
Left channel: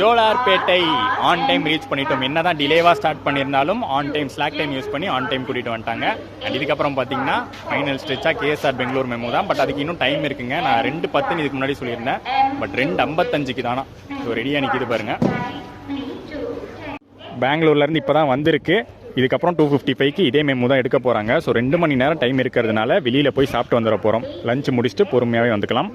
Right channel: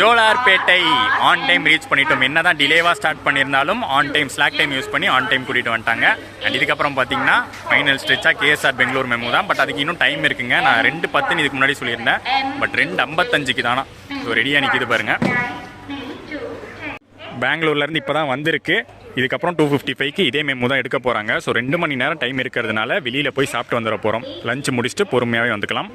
ஜோலார்பேட்டை ஆன் டைம் ரீச் பண்ணிட்டோம். என்ன தான் டிலேவாக ஸ்டார்ட் பண்ணியிருந்தாலும் on time slack time use பண்ணி ஆன் டைம் கூட்டிகிட்டு வந்துட்டாங்க. அண்ட் இதுக்கப்புறம் பார்த்தீங்கன்னா ஃபைனல் ஸ்ட்ரெச்சாக கேஎஸ்ஆர் பெங்களூர் மெமோ தான். பட் அதுக்கு இன்னும் டைம் இருக்குங்க. நான் 2:10 இதுக்கு முன்னாடி சொல்லியிருந்தேன். பட் 2:55க்கு தானா. ஸோ ரெடியாக நிற்கிது பாருங்கள். பெங்களூர்லேருந்து இப்போ தான் வந்திருக்கு. இதுக்கப்புறம் 2:55க்கு இதே மெமோ தான் எடுக்க போகிறாங்க. ஸோ 2 மணி நேரம் டைம் இருக்கிறதுனால வெளியில் போய் சாப்பிட்டு வந்துட போகிறோம். லஞ்ச் முடிச்சுட்டு பொறுமையாகவே வந்துக்கலாம்.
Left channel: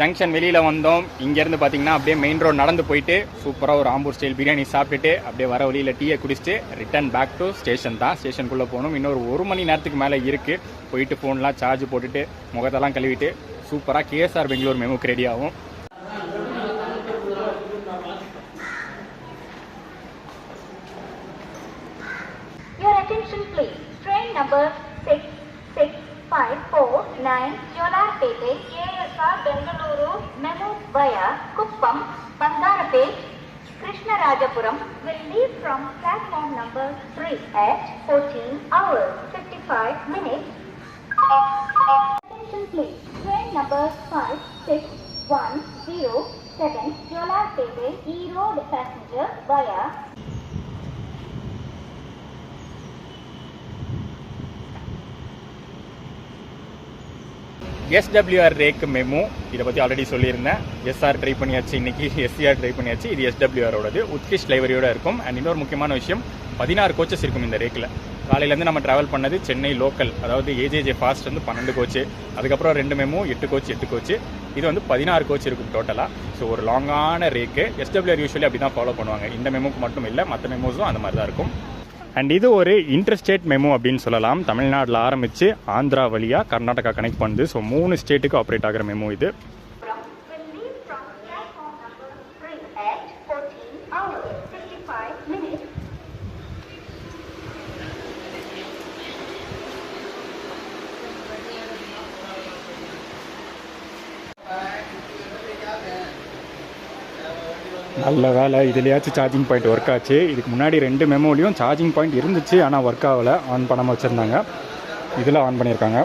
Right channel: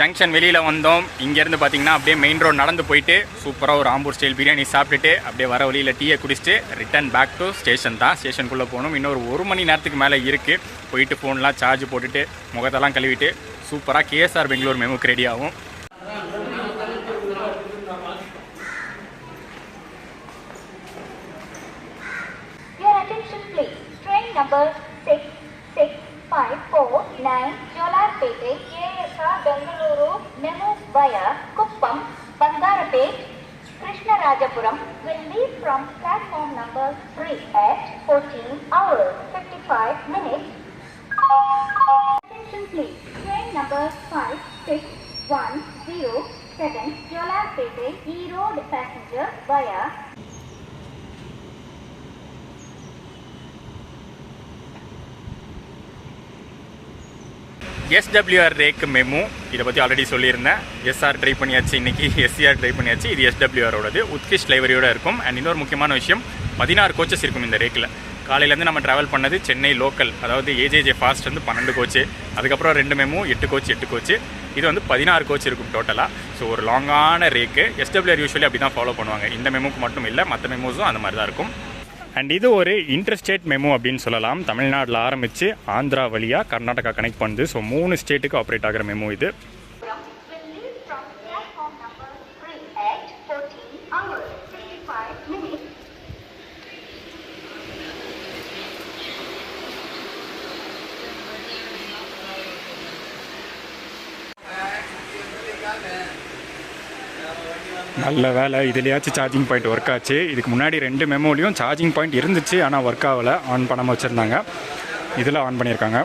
ஜங்ஷன் வெளியில் வந்தோம். இங்கேருந்து பார்த்தீங்கன்னா அப்படியே மெயின் ரோடு நடந்து போயிட்டு சூப்பராக ஒரு ஆம்பூர் ஸ்டைல் பிரியாணி சாப்பிட்டுட்டு அப்படியே வர வழியில் டீயை குடிச்சிட்டு ரிட்டன் பேக் டு ஸ்டேஷன் தான். ஸ்டேஷனுக்குள்ளே போகணும். இன்னொரு 1 மணி நேரத்துக்கு மேலே இருக்குது. போயிட்டு ஃபோன்லாம் சார்ஜ் போட்டுட்டு முகத்தெல்லாம் கழுவிட்டு சூப்பராக கேஎஸ்ஆர் பெங்களூர் மெமுக்கு ரெடி ஆகும். Your attention please. Train number 6654 Jolarpete KSR Bengaluru Memo via Kuppam, Bangarapet, Krishnarajapuram will leave from platform number 3 at 14 hours 55 minutes. Attention please. Train number 56107 Jolarpete E-Road passenger via SWR rack MEMU, இதை பற்றி already சொல்லியிருந்தேன். SR try பண்ணியாச்சு, இன்றைக்கி SCR try பண்ணியாச்சு. இது எஸ்டபிள்யூஆரோடது உத்கிஷ் லைவரியோடு இருக்கும். And இன்னொரு முக்கியமான விஷயம், 16 கோச்சஸ் இருக்கும் இந்த ரேக்கில். காலையிலேருந்து நம்ம ட்ராவல் பண்ணது சென்னை லோக்கல், அதாவது ஏஜேஜே ஃபாஸ்ட் வந்து 12 கோச்சு, அதுக்கப்புறம் 2 மெமு 8 கோச்சு. இது வந்து 16 கோச் இருக்கும் டோட்டலாக. ஸோ ஒரு லாங்கான ரேக்கு. எஸ்டபிள்யூஆர் யூஸ்வலி அப்படி தான் ஃபாலோ பண்ணுவாங்க. இந்த மெமுக்கு மட்டும் இல்லை, மற்ற மெமோஸும் அந்த மாதிரி தான் இருக்கும். அண்ட் இது ஒரு இன்டர்ஸ்டேட் மெமோ அப்படின்னு சொல்லலாம். தமிழ்நாட்டில் ஆரம்பித்து ஆந்திரா வழியாக கர்நாடகா கனெக்ட் பண்ணுது. ஸோ 3 ஸ்டேட்டுக்கு ஆப்ரேட் ஆகிற மெமோ இது. will leave from platform number 3 at 14 hours 55 minutes. நல்ல வேலை, இதுலையாச்சும் சார்ஜிங் பாயிண்ட் ஒர்க் ஆச்சு. இதுக்கு முன்னாடி 2 மெமோலையும் சார்ஜிங் பாயிண்ட் இருந்துச்சு, ஆனால் ஒர்க் ஆகலை. ஆன் பண்ணாமல் வச்சுருந்தாங்க. இதில் ஆன் பண்ணியிருக்காங்க.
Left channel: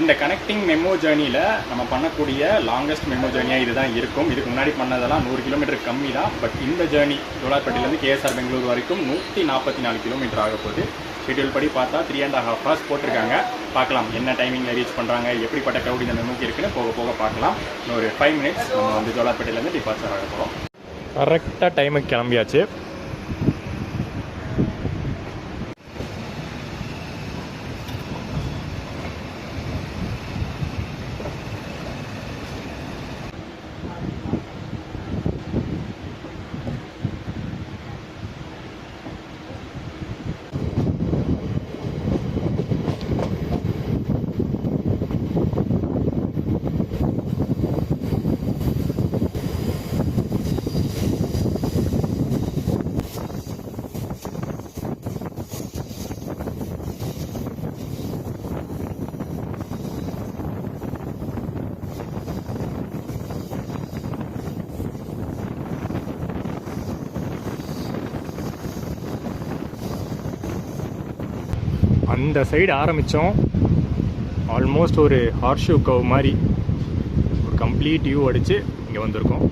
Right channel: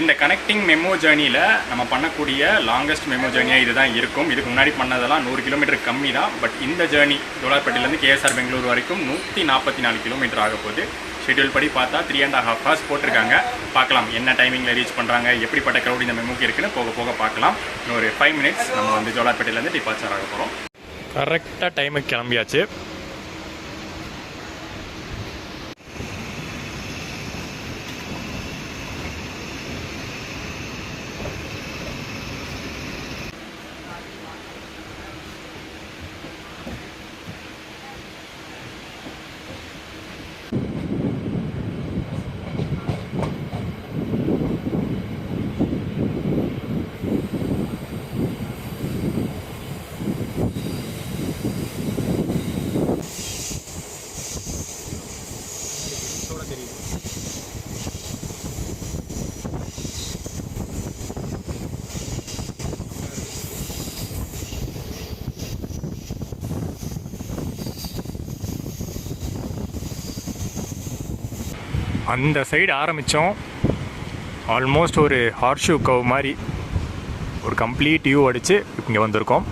இந்த கனெக்டிங் மெமோ ஜேர்னியில் நம்ம பண்ணக்கூடிய லாங்கஸ்ட் மெமோ ஜேர்னியாக இது தான் இருக்கும். இதுக்கு முன்னாடி பண்ணதெல்லாம் 100 கிலோமீட்டர் கம்மி தான். பட் இந்த ஜேர்னி ஜோலார்பேட்டையிலேருந்து கேஎஸ்ஆர் பெங்களூர் வரைக்கும் 144 கிலோமீட்டர் ஆக போகுது. ஷெட்யூல் படி பார்த்தா 3.5 hours போட்டிருக்காங்க. பார்க்கலாம் என்ன டைமிங்கில் ரீச் பண்ணுறாங்க, எப்படிப்பட்ட க்ரௌட் இந்த மெமோக்கு இருக்குன்னு போக போக பார்க்கலாம். இன்னொரு 5 minutes நம்ம வந்து ஜோலார்பேட்டையிலேருந்து டிபார்ச்சர் ஆக போகிறோம். கரெக்டாக டைமுக்கு கிளம்பியாச்சு. அந்த சைடு ஆரம்பித்தோம். ஆல்மோஸ்ட் ஒரு ஹார்ஷூ கவ் மாதிரி ஒரு கம்ப்ளீட் வியூ அடித்து இங்கே வந்திருக்கோம்.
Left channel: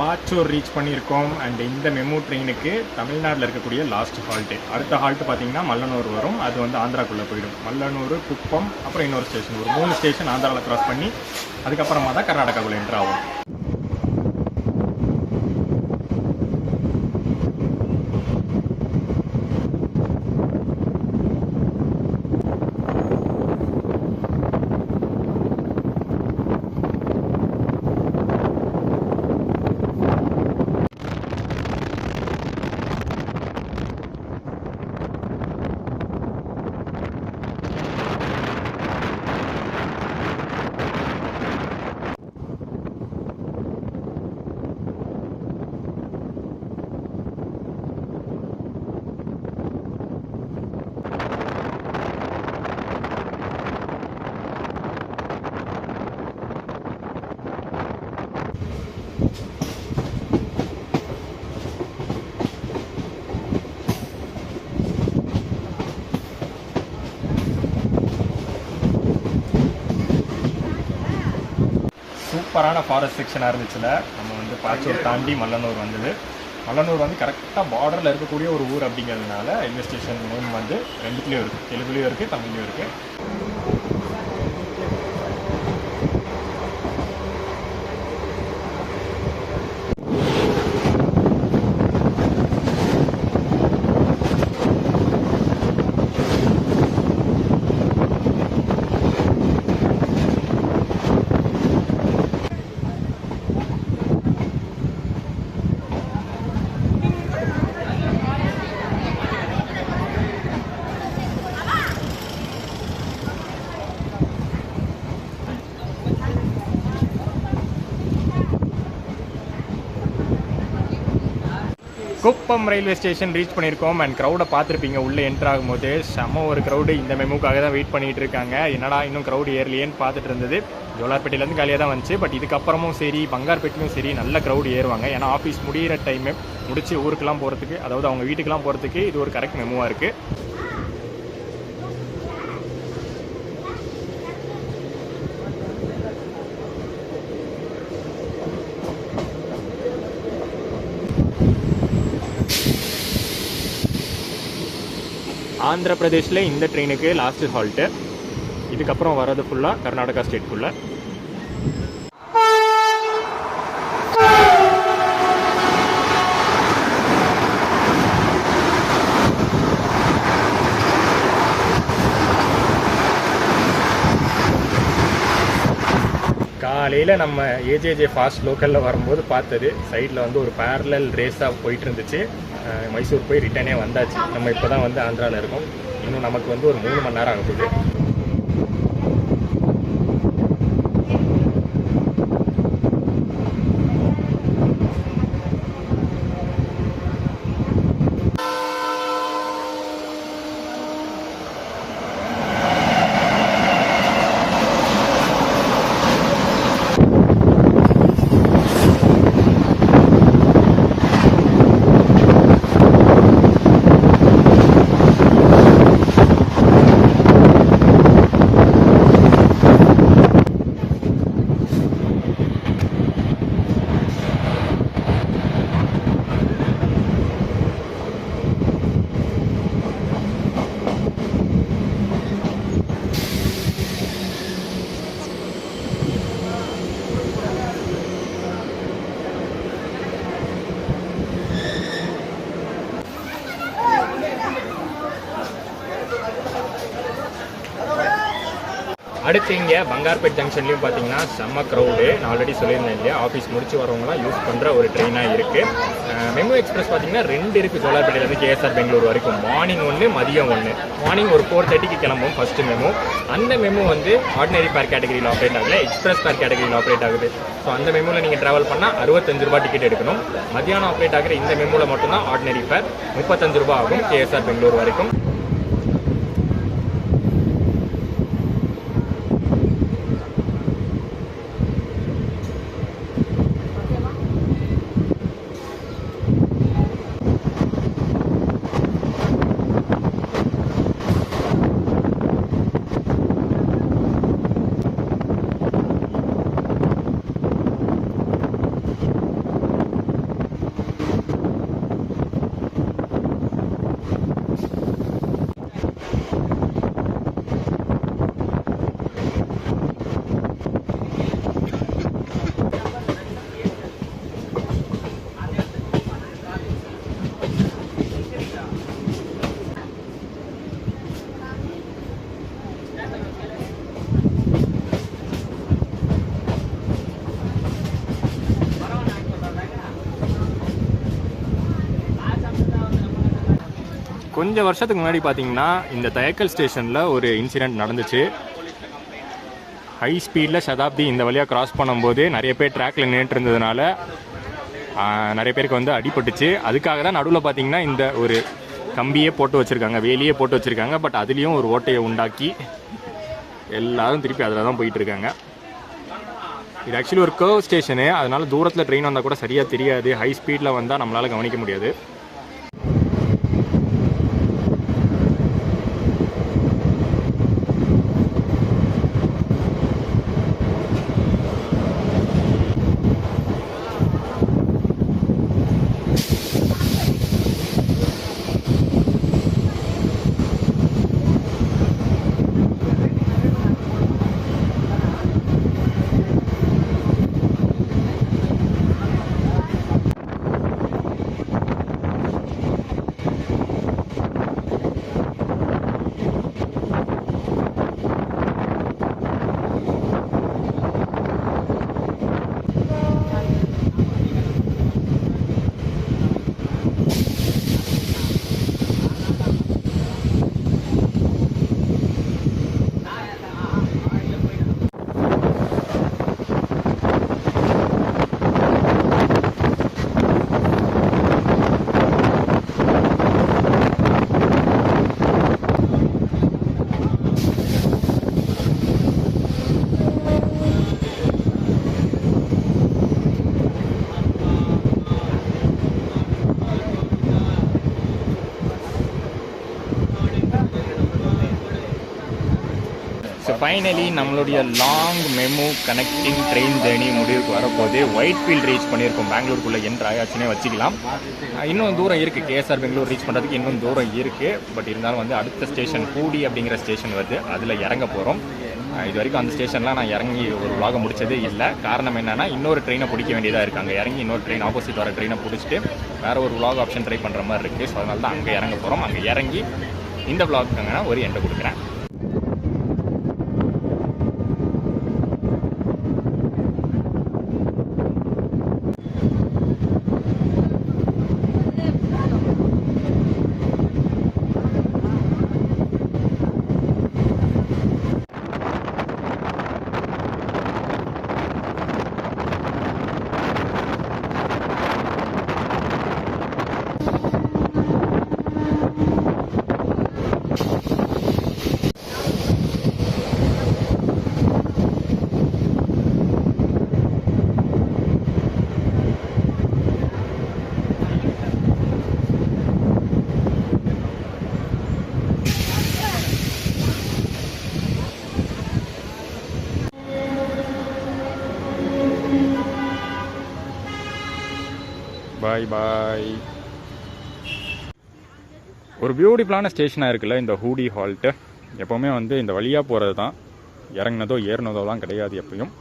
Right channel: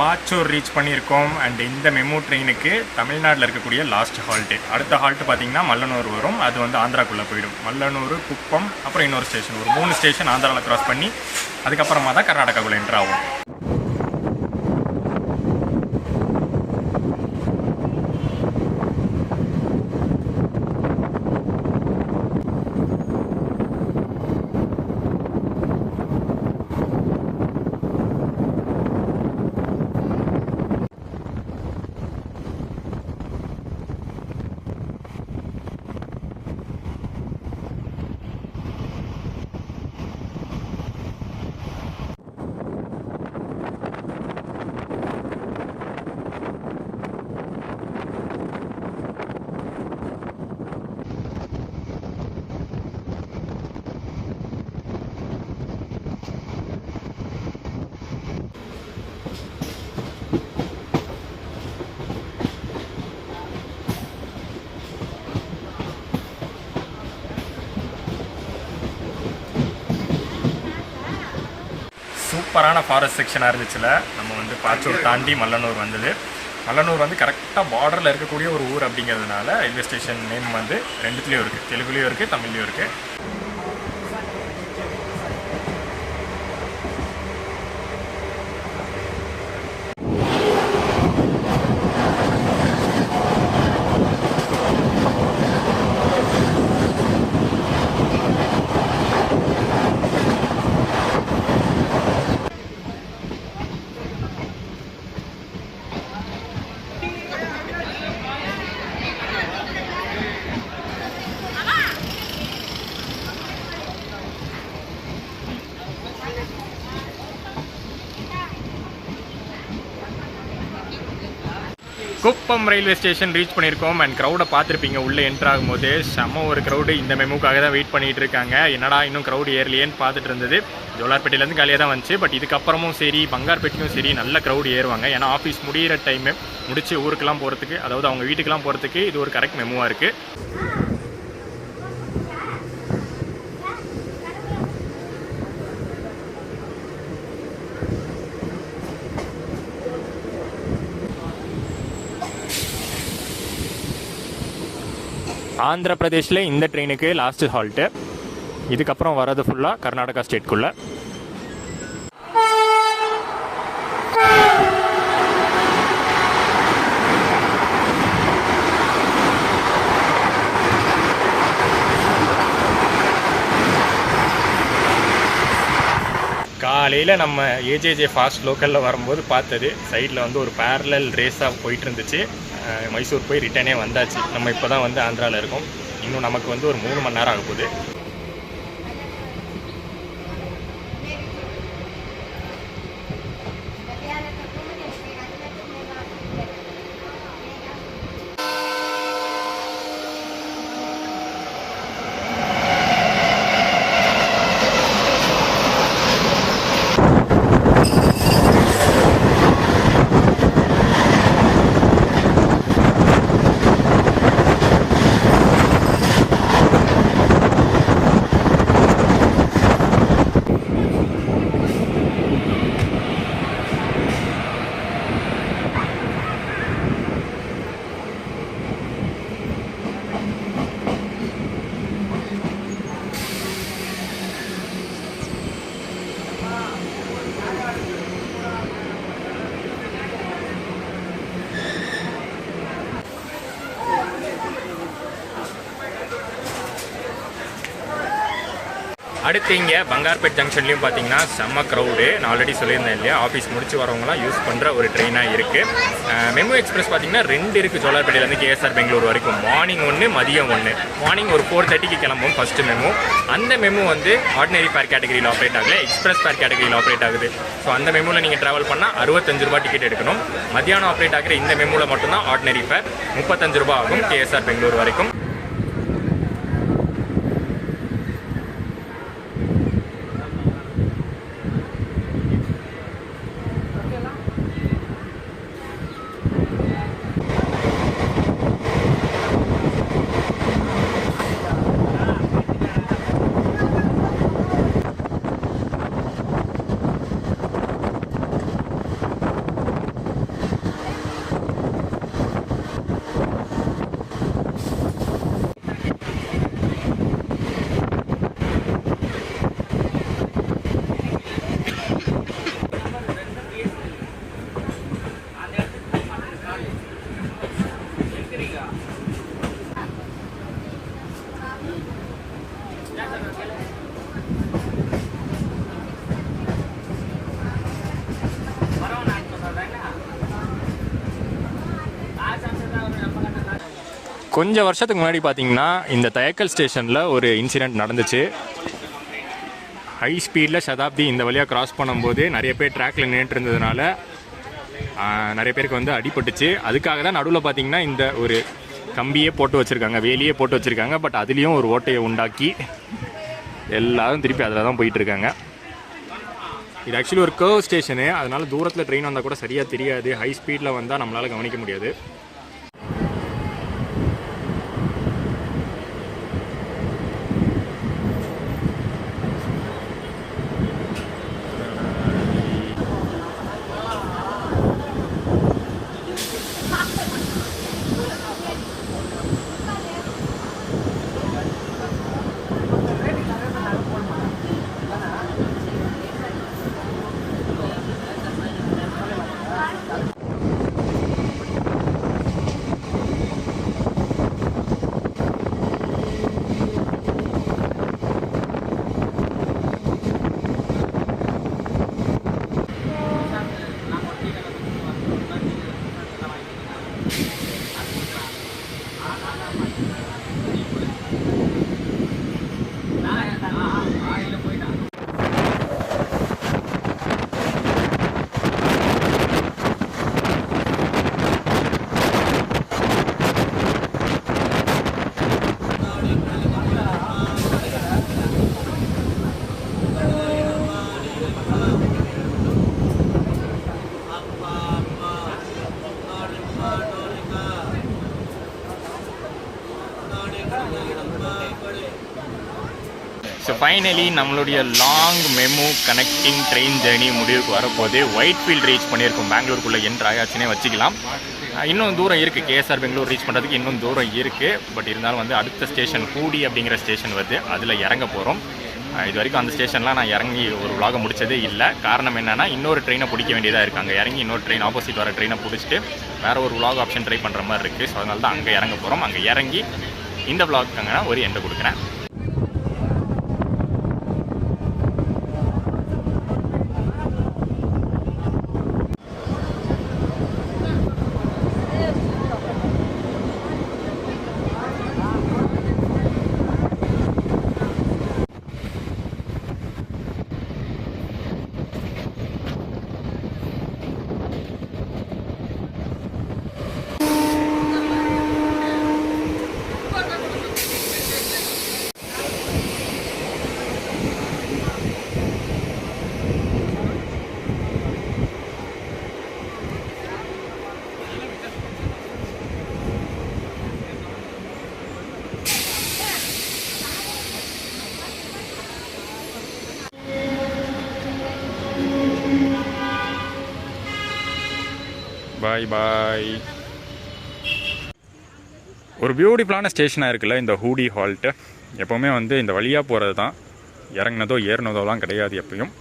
பாச்சூர் ரீச் பண்ணியிருக்கோம். அண்ட் இந்த மெமு ட்ரெயினுக்கு தமிழ்நாட்டில் இருக்கக்கூடிய லாஸ்ட் ஹால்ட்டு. அடுத்த ஹால்ட்டு பார்த்திங்கன்னா மல்லனூர் வரும். அது வந்து ஆந்திராக்குள்ளே போயிடும். மல்லனூர், குப்பம், அப்புறம் இன்னொரு ஸ்டேஷன். ஒரு 3 ஸ்டேஷன் ஆந்திராவில் க்ராஸ் பண்ணி அதுக்கப்புறமா தான் கர்நாடகாக்குள்ளே என்ட்ரு ஆகும். சூப்பரான ஃபாரஸ்ட் செக்ஷனாக இருந்துச்சுல. நம்ம வந்து பாச்சூர் தாண்டி மல்லனூர் வந்தது. மல்லனூர் வந்து கரெக்டாக பார்டரில் இருக்கக்கூடிய ஒரு ஊர் அப்படிங்கிறதுனால ரயில்வே ஸ்டேஷன் நேம் வந்து 2த்துலேயும் இருக்குது. தெலுங்குலேயும் இருக்குது, தமிழ்லேயும் இருக்குது. குப்பம் ரயில்வே ஸ்டேஷன் ரீச் பண்ணியிருக்கோம். அண்ட் க்ரௌடை பார்த்துருப்பீங்க, உள்ளே என்ட்ரு ஆகும்போது செம்ம ஒரு க்ரௌடு. இந்த மெமுக்காக தான் வெயிட் பண்ணிகிட்டு இருக்காங்க. என்னடா இன்னும் க்ரௌடு ஏறலையேன்னு பார்த்துட்டு இருந்தது. ஜோலார்பேட்டையிலேருந்து காலியாக தான் வந்துச்சு. பட் இதுக்கப்புறமும் சரி, பங்கார்பேட்டையும் சரி, நல்ல க்ரௌடு ஏறுவாங்க. ஏன்னா ஆஃபீஸ் முடிகிற டைமு முடிச்சு ஊருக்கெல்லாம் போகிறதுக்கு, அதாவது அவங்க வீட்டுக்கெல்லாம் போகிறதுக்கு இது ஒரு கரெக்ட் மெமுவாக இருக்குது. ஆந்திர பிரதேஷில் இந்த ட்ரெயினுக்கு லாஸ்ட்டு ஹால்ட்டு. இதுக்கப்புறம் வர்றது ஃபுல்லாக கர்நாடகா ஸ்டேட்குள்ளே. காலையில் நம்ம ஏஜேஜே ஃபாஸ்ட் லோக்கலில் வரும்போது பார்த்தது, சைடில் வந்து ஒரு பேரலல் ரேஸாக போயிட்டு இருந்துச்சு. மைசூர் போய் ரிட்டர்னே வந்தாச்சு. நம்ம இப்போ தான் வந்து ஆந்திராவில் இருக்கோம். இன்னும் நமக்கு வந்து ஒரு 3 மணி நேரம் ஆக போகுது. அடுத்து இங்கே பங்கார்பேட் ஜங்ஷன்லேயும் பார்த்தீங்கன்னா செம்ம க்ரௌடு. நான் ஆல்ரெடி சொல்லியிருந்தேன் இல்லையா, ஆஃபீஸ் முடிச்சு வரவங்களாம் யூஸ் பண்ணுற ஒரு ட்ரெயினாக இருக்குது. மெமு எக்ஸ்பிரஸ் பார்த்தீங்கன்னா 2 இருக்குது ஜோலார்பேட்டையிலேருந்து கேஎஸ்ஆர் பெங்களூர் வரைக்கும். மார்னிங் 1, மதியம் 1. மார்னிங் ஒரு 4:30க்கு கிளம்பும் ஃபஸ்ட்டு மெமு. அந்த மெமு வந்து ஆர்டினரி ஃபேர் கேட்டகரியில் ஆப்ரேட் ஆகலை, எக்ஸ்பிரஸ் ஃபேர் கேட்டகரியில் ஆப்ரேட் ஆகுது. ஸோ அந்த மெமுவில் நீங்கள் ட்ராவல் பண்ணால் 65 ரூபா டிக்கெட் எடுக்கணும். மத்தியானம் ஆப்ரேட் ஆகிற இந்த மெமுவில் மட்டும்தான் ஆர்டினரி ஃபேர் 35 ரூபா ஆகும் கேஎஸ்ஆர் பெங்களூர் வரைக்கும். கொஞ்சம் வருஷத்துக்கு முன்னாடி பார்த்தீங்கன்னா இந்த தயக்கல் ஸ்டேஷனில் ஒரு இன்சிடெண்ட் நடந்துச்சு. ஹை ஸ்பீடில் சதாப்தி இந்த வழியாக கிராஸ் பண்ணும்போது நிறைய பேர் ட்ராக்கில் நின்றுட்டு இருந்ததுனால நிறைய பேருக்கு வந்து அடிபட்டுச்சு. அதுக்காக தான் நடுவில் பார்த்தீங்கன்னா இந்த ஒரு கம்பியே போட்டு வச்சுருக்காங்க, வேலியே போட்டு வச்சுருக்காங்க. பட் அதுலேயும் ஒரு ஓட்டையை உண்டாக்கி எல்லாரும் திருப்பி அதில் தான் போயிட்டுருக்காங்க. இது ஆக்சுவலி ஒரு கர்வ் ஸ்டேஷனு, அதனால தூரத்தில் ட்ரெயின் வந்தால் கூட சரியாக தெரியாது. ஹை ஸ்பீடில் வந்தால் நம்மளால் கவனிக்க முடியாது. ஃபைனலி நம்மளுடைய long MEMU connecting train journey முடிவுக்கு வரப்போது. ஒயிட் ஃபீல்ட் ரீச் பண்ணியிருக்கோம். பெங்களூருக்குள்ளே என்ட்ரு ஆயாச்சுன்னே வச்சுக்கலாம். இன்னும் தூரம் இருக்குது. கேஎஸ்ஆர் பெங்களூர் ரீச் பண்ணுறதுக்கு இன்னும் தூரம் இருக்குது. பட் இருந்தாலும் வந்து அடுத்த ஸ்டேஷன் ஹூடி அப்படிங்கிற ஸ்டேஷன் வருது. அதில் இறங்க போகிறோம். இது வரைக்கும் அந்த ஸ்டேஷன்லாம் நான் இறங்கி ஒரு vlog முடிச்சதே இல்லை. காரணம் என்னென்னா இன்னொரு ட்ரெயினை பிடிக்க வேண்டியதாக இருக்குது. அங்கே இறங்கி இன்னொரு ட்ரெயின் ஆப்போசிட் வர ட்ரெயினை பிடிச்சிட்டு வேறு ஒரு vlog ஆப்ஷன் ட்ரை பண்ணுற மாதிரி இருக்குது. ஸோ அதனால தான் அங்கே இறங்க போகிறோம். அங்கே இறங்கி இந்த vlogக்காங்க நான் ஒரு எண்டை கொடுக்குறேன். பாய் பாய். ஒரு பியூட்டிஃபுல்லான ஸ்டேஷனாக இருக்குல்ல இந்த ஹூடி ஹால்ட்டு. எப்போவுமே வந்து இந்த வழியாக போகிறது தான், இறங்கினதோ ஏறினதோலாம் கிடையாது எப்பயும்.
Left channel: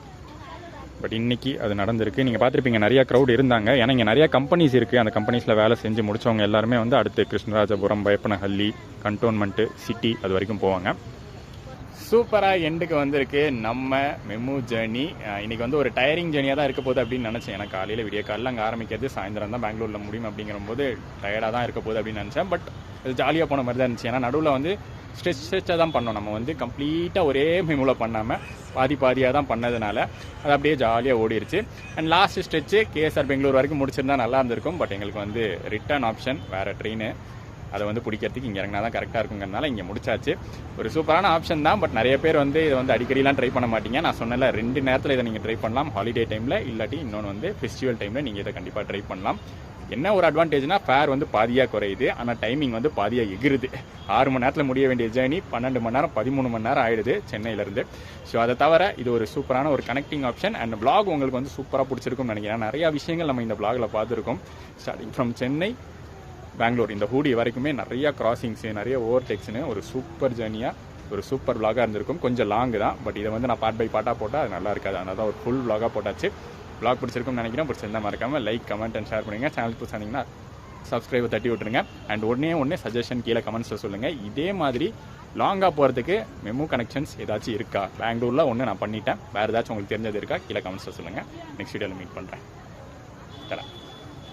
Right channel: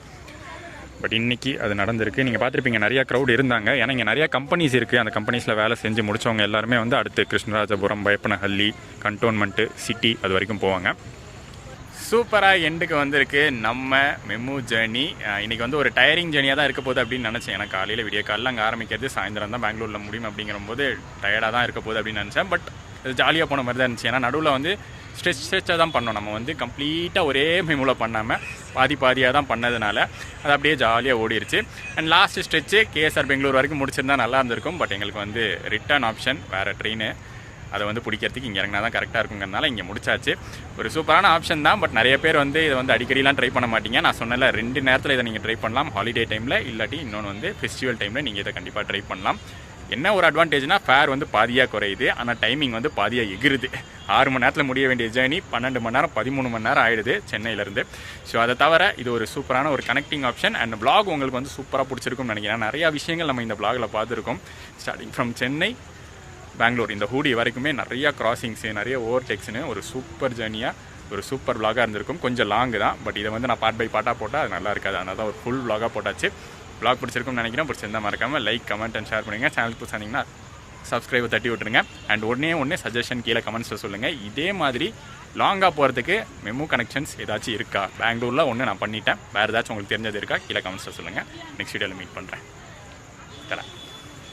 பட் இன்றைக்கி அது நடந்திருக்கு. நீங்கள் பார்த்துருப்பீங்க நிறையா க்ரௌட் இருந்தாங்க. ஏன்னா இங்கே நிறையா கம்பெனிஸ் இருக்குது. அந்த கம்பெனிஸில் வேலை செஞ்சு முடித்தவங்க எல்லாருமே வந்து அடுத்து கிருஷ்ணராஜபுரம், பயப்பனஹள்ளி, கண்டோன்மெண்ட்டு, சிட்டி அது வரைக்கும் போவாங்க. சூப்பராக எண்டுக்கு வந்திருக்கு நம்ம மெமு ஜேர்னி. இன்றைக்கி வந்து ஒரு டயரிங் ஜேர்னியாக தான் இருக்க போகுது அப்படின்னு நினச்சேன். ஏன்னா காலையில் விடிய காலையில் அங்கே ஆரம்பிக்கிறது, சாயந்தரம் தான் பெங்களூரில் முடியும் அப்படிங்கிறபோது டயர்டாக தான் இருக்க போகுது அப்படின்னு நினச்சேன். பட் அது ஜாலியாக போன மாதிரி தான் இருந்துச்சு. ஏன்னா நடுவில் வந்து ஸ்ட்ரெச்சாக தான் பண்ணோம். நம்ம வந்து கம்ப்ளீட்டாக ஒரே மெமுவில் பண்ணாமல் பாதியாக தான் பண்ணதுனால அது அப்படியே ஜாலியாக ஓடிடுச்சு. And last stretch KSR Bangalore வரைக்கும் முடிச்சிருந்தா நல்லா இருந்திருக்கும். பட் எங்களுக்கு வந்து ரிட்டர்ன் ஆப்ஷன் வேறு ட்ரெயின், அதை வந்து பிடிக்கிறதுக்கு இங்கே இறங்கினா தான் கரெக்டாக இருக்குங்கிறதுனால இங்கே முடிச்சாச்சு. ஒரு சூப்பரான ஆப்ஷன் தான். பட் நிறைய பேர் வந்து இதை வந்து அடிக்கடிலாம் ட்ரை பண்ண மாட்டீங்க. நான் சொன்னல 2 நேரத்தில் இதை நீங்கள் ட்ரை பண்ணலாம். ஹாலிடே டைமில் இல்லாட்டி இன்னொன்று வந்து ஃபெஸ்டிவல் டைமில் நீங்கள் இதை கண்டிப்பாக ட்ரை பண்ணலாம். என்ன ஒரு அட்வான்டேஜ்னால் ஃபேர் வந்து பாதியாக குறையுது. ஆனால் டைமிங் வந்து பாதியாக எகிருது. 6 மணி நேரத்தில் முடிய வேண்டிய ஜேர்னி 12 மணி நேரம் 13 மணி நேரம் ஆகிடுது சென்னையிலேருந்து. ஸோ அதை தவிர இது ஒரு சூப்பரான ஒரு கனெக்டிங் ஆப்ஷன். அண்ட் vlog உங்களுக்கு வந்து சூப்பராக பிடிச்சிருக்கும்னு நினைக்கிறேன். நிறையா விஷயங்கள் நம்ம இந்த vlogல பார்த்துருக்கோம். ஸ்டார்டிங் ஃப்ரம் சென்னை பெங்களூர் இந்த ஹூடி வரைக்குமே நிறையா கிராசிங்ஸு, நிறைய ஓவர்டேக்ஸ்னு ஒரு சூப்பர் ஜேர்னியாக ஒரு சூப்பர் vlog-ஆக இருந்திருக்கும். கொஞ்சம் லாங்கு தான். பட் இதை வந்து நான் பார்ட் பை பார்ட்டாக போட்டால் அது நல்லா இருக்காது. அதனால தான் ஒரு ஃபுல் vlog-ஆக போட்டாச்சு. vlog பிடிச்சிருக்கும்னு நினைக்கிறேன். பிடிச்சிருந்தா மறக்காமல் லைக், கமெண்ட் அண்ட் ஷேர் பண்ணுங்கள். சேனல் புதுசாக இருந்தீங்கன்னா சப்ஸ்கிரைபை தட்டி விட்டுருங்க. அண்ட் ஒன்றே சஜஷன் கீழே கமெண்ட்ஸில் சொல்லுங்கள். இதே மாதிரி லாங்காக போகிறதுக்கு மெமு கனெக்ஷன்ஸ் ஏதாச்சும் இருக்கா? பெங்களூரில் ஒன்று நான் பண்ணிட்டேன். வேறு ஏதாச்சும் உங்களுக்கு தெரிஞ்சது இருக்கா? கீழே கமெண்ட்ஸில் சொல்லுங்கள். நெக்ஸ்ட் வீடியோவில் மீட் பண்ணுறேன். தரேன்.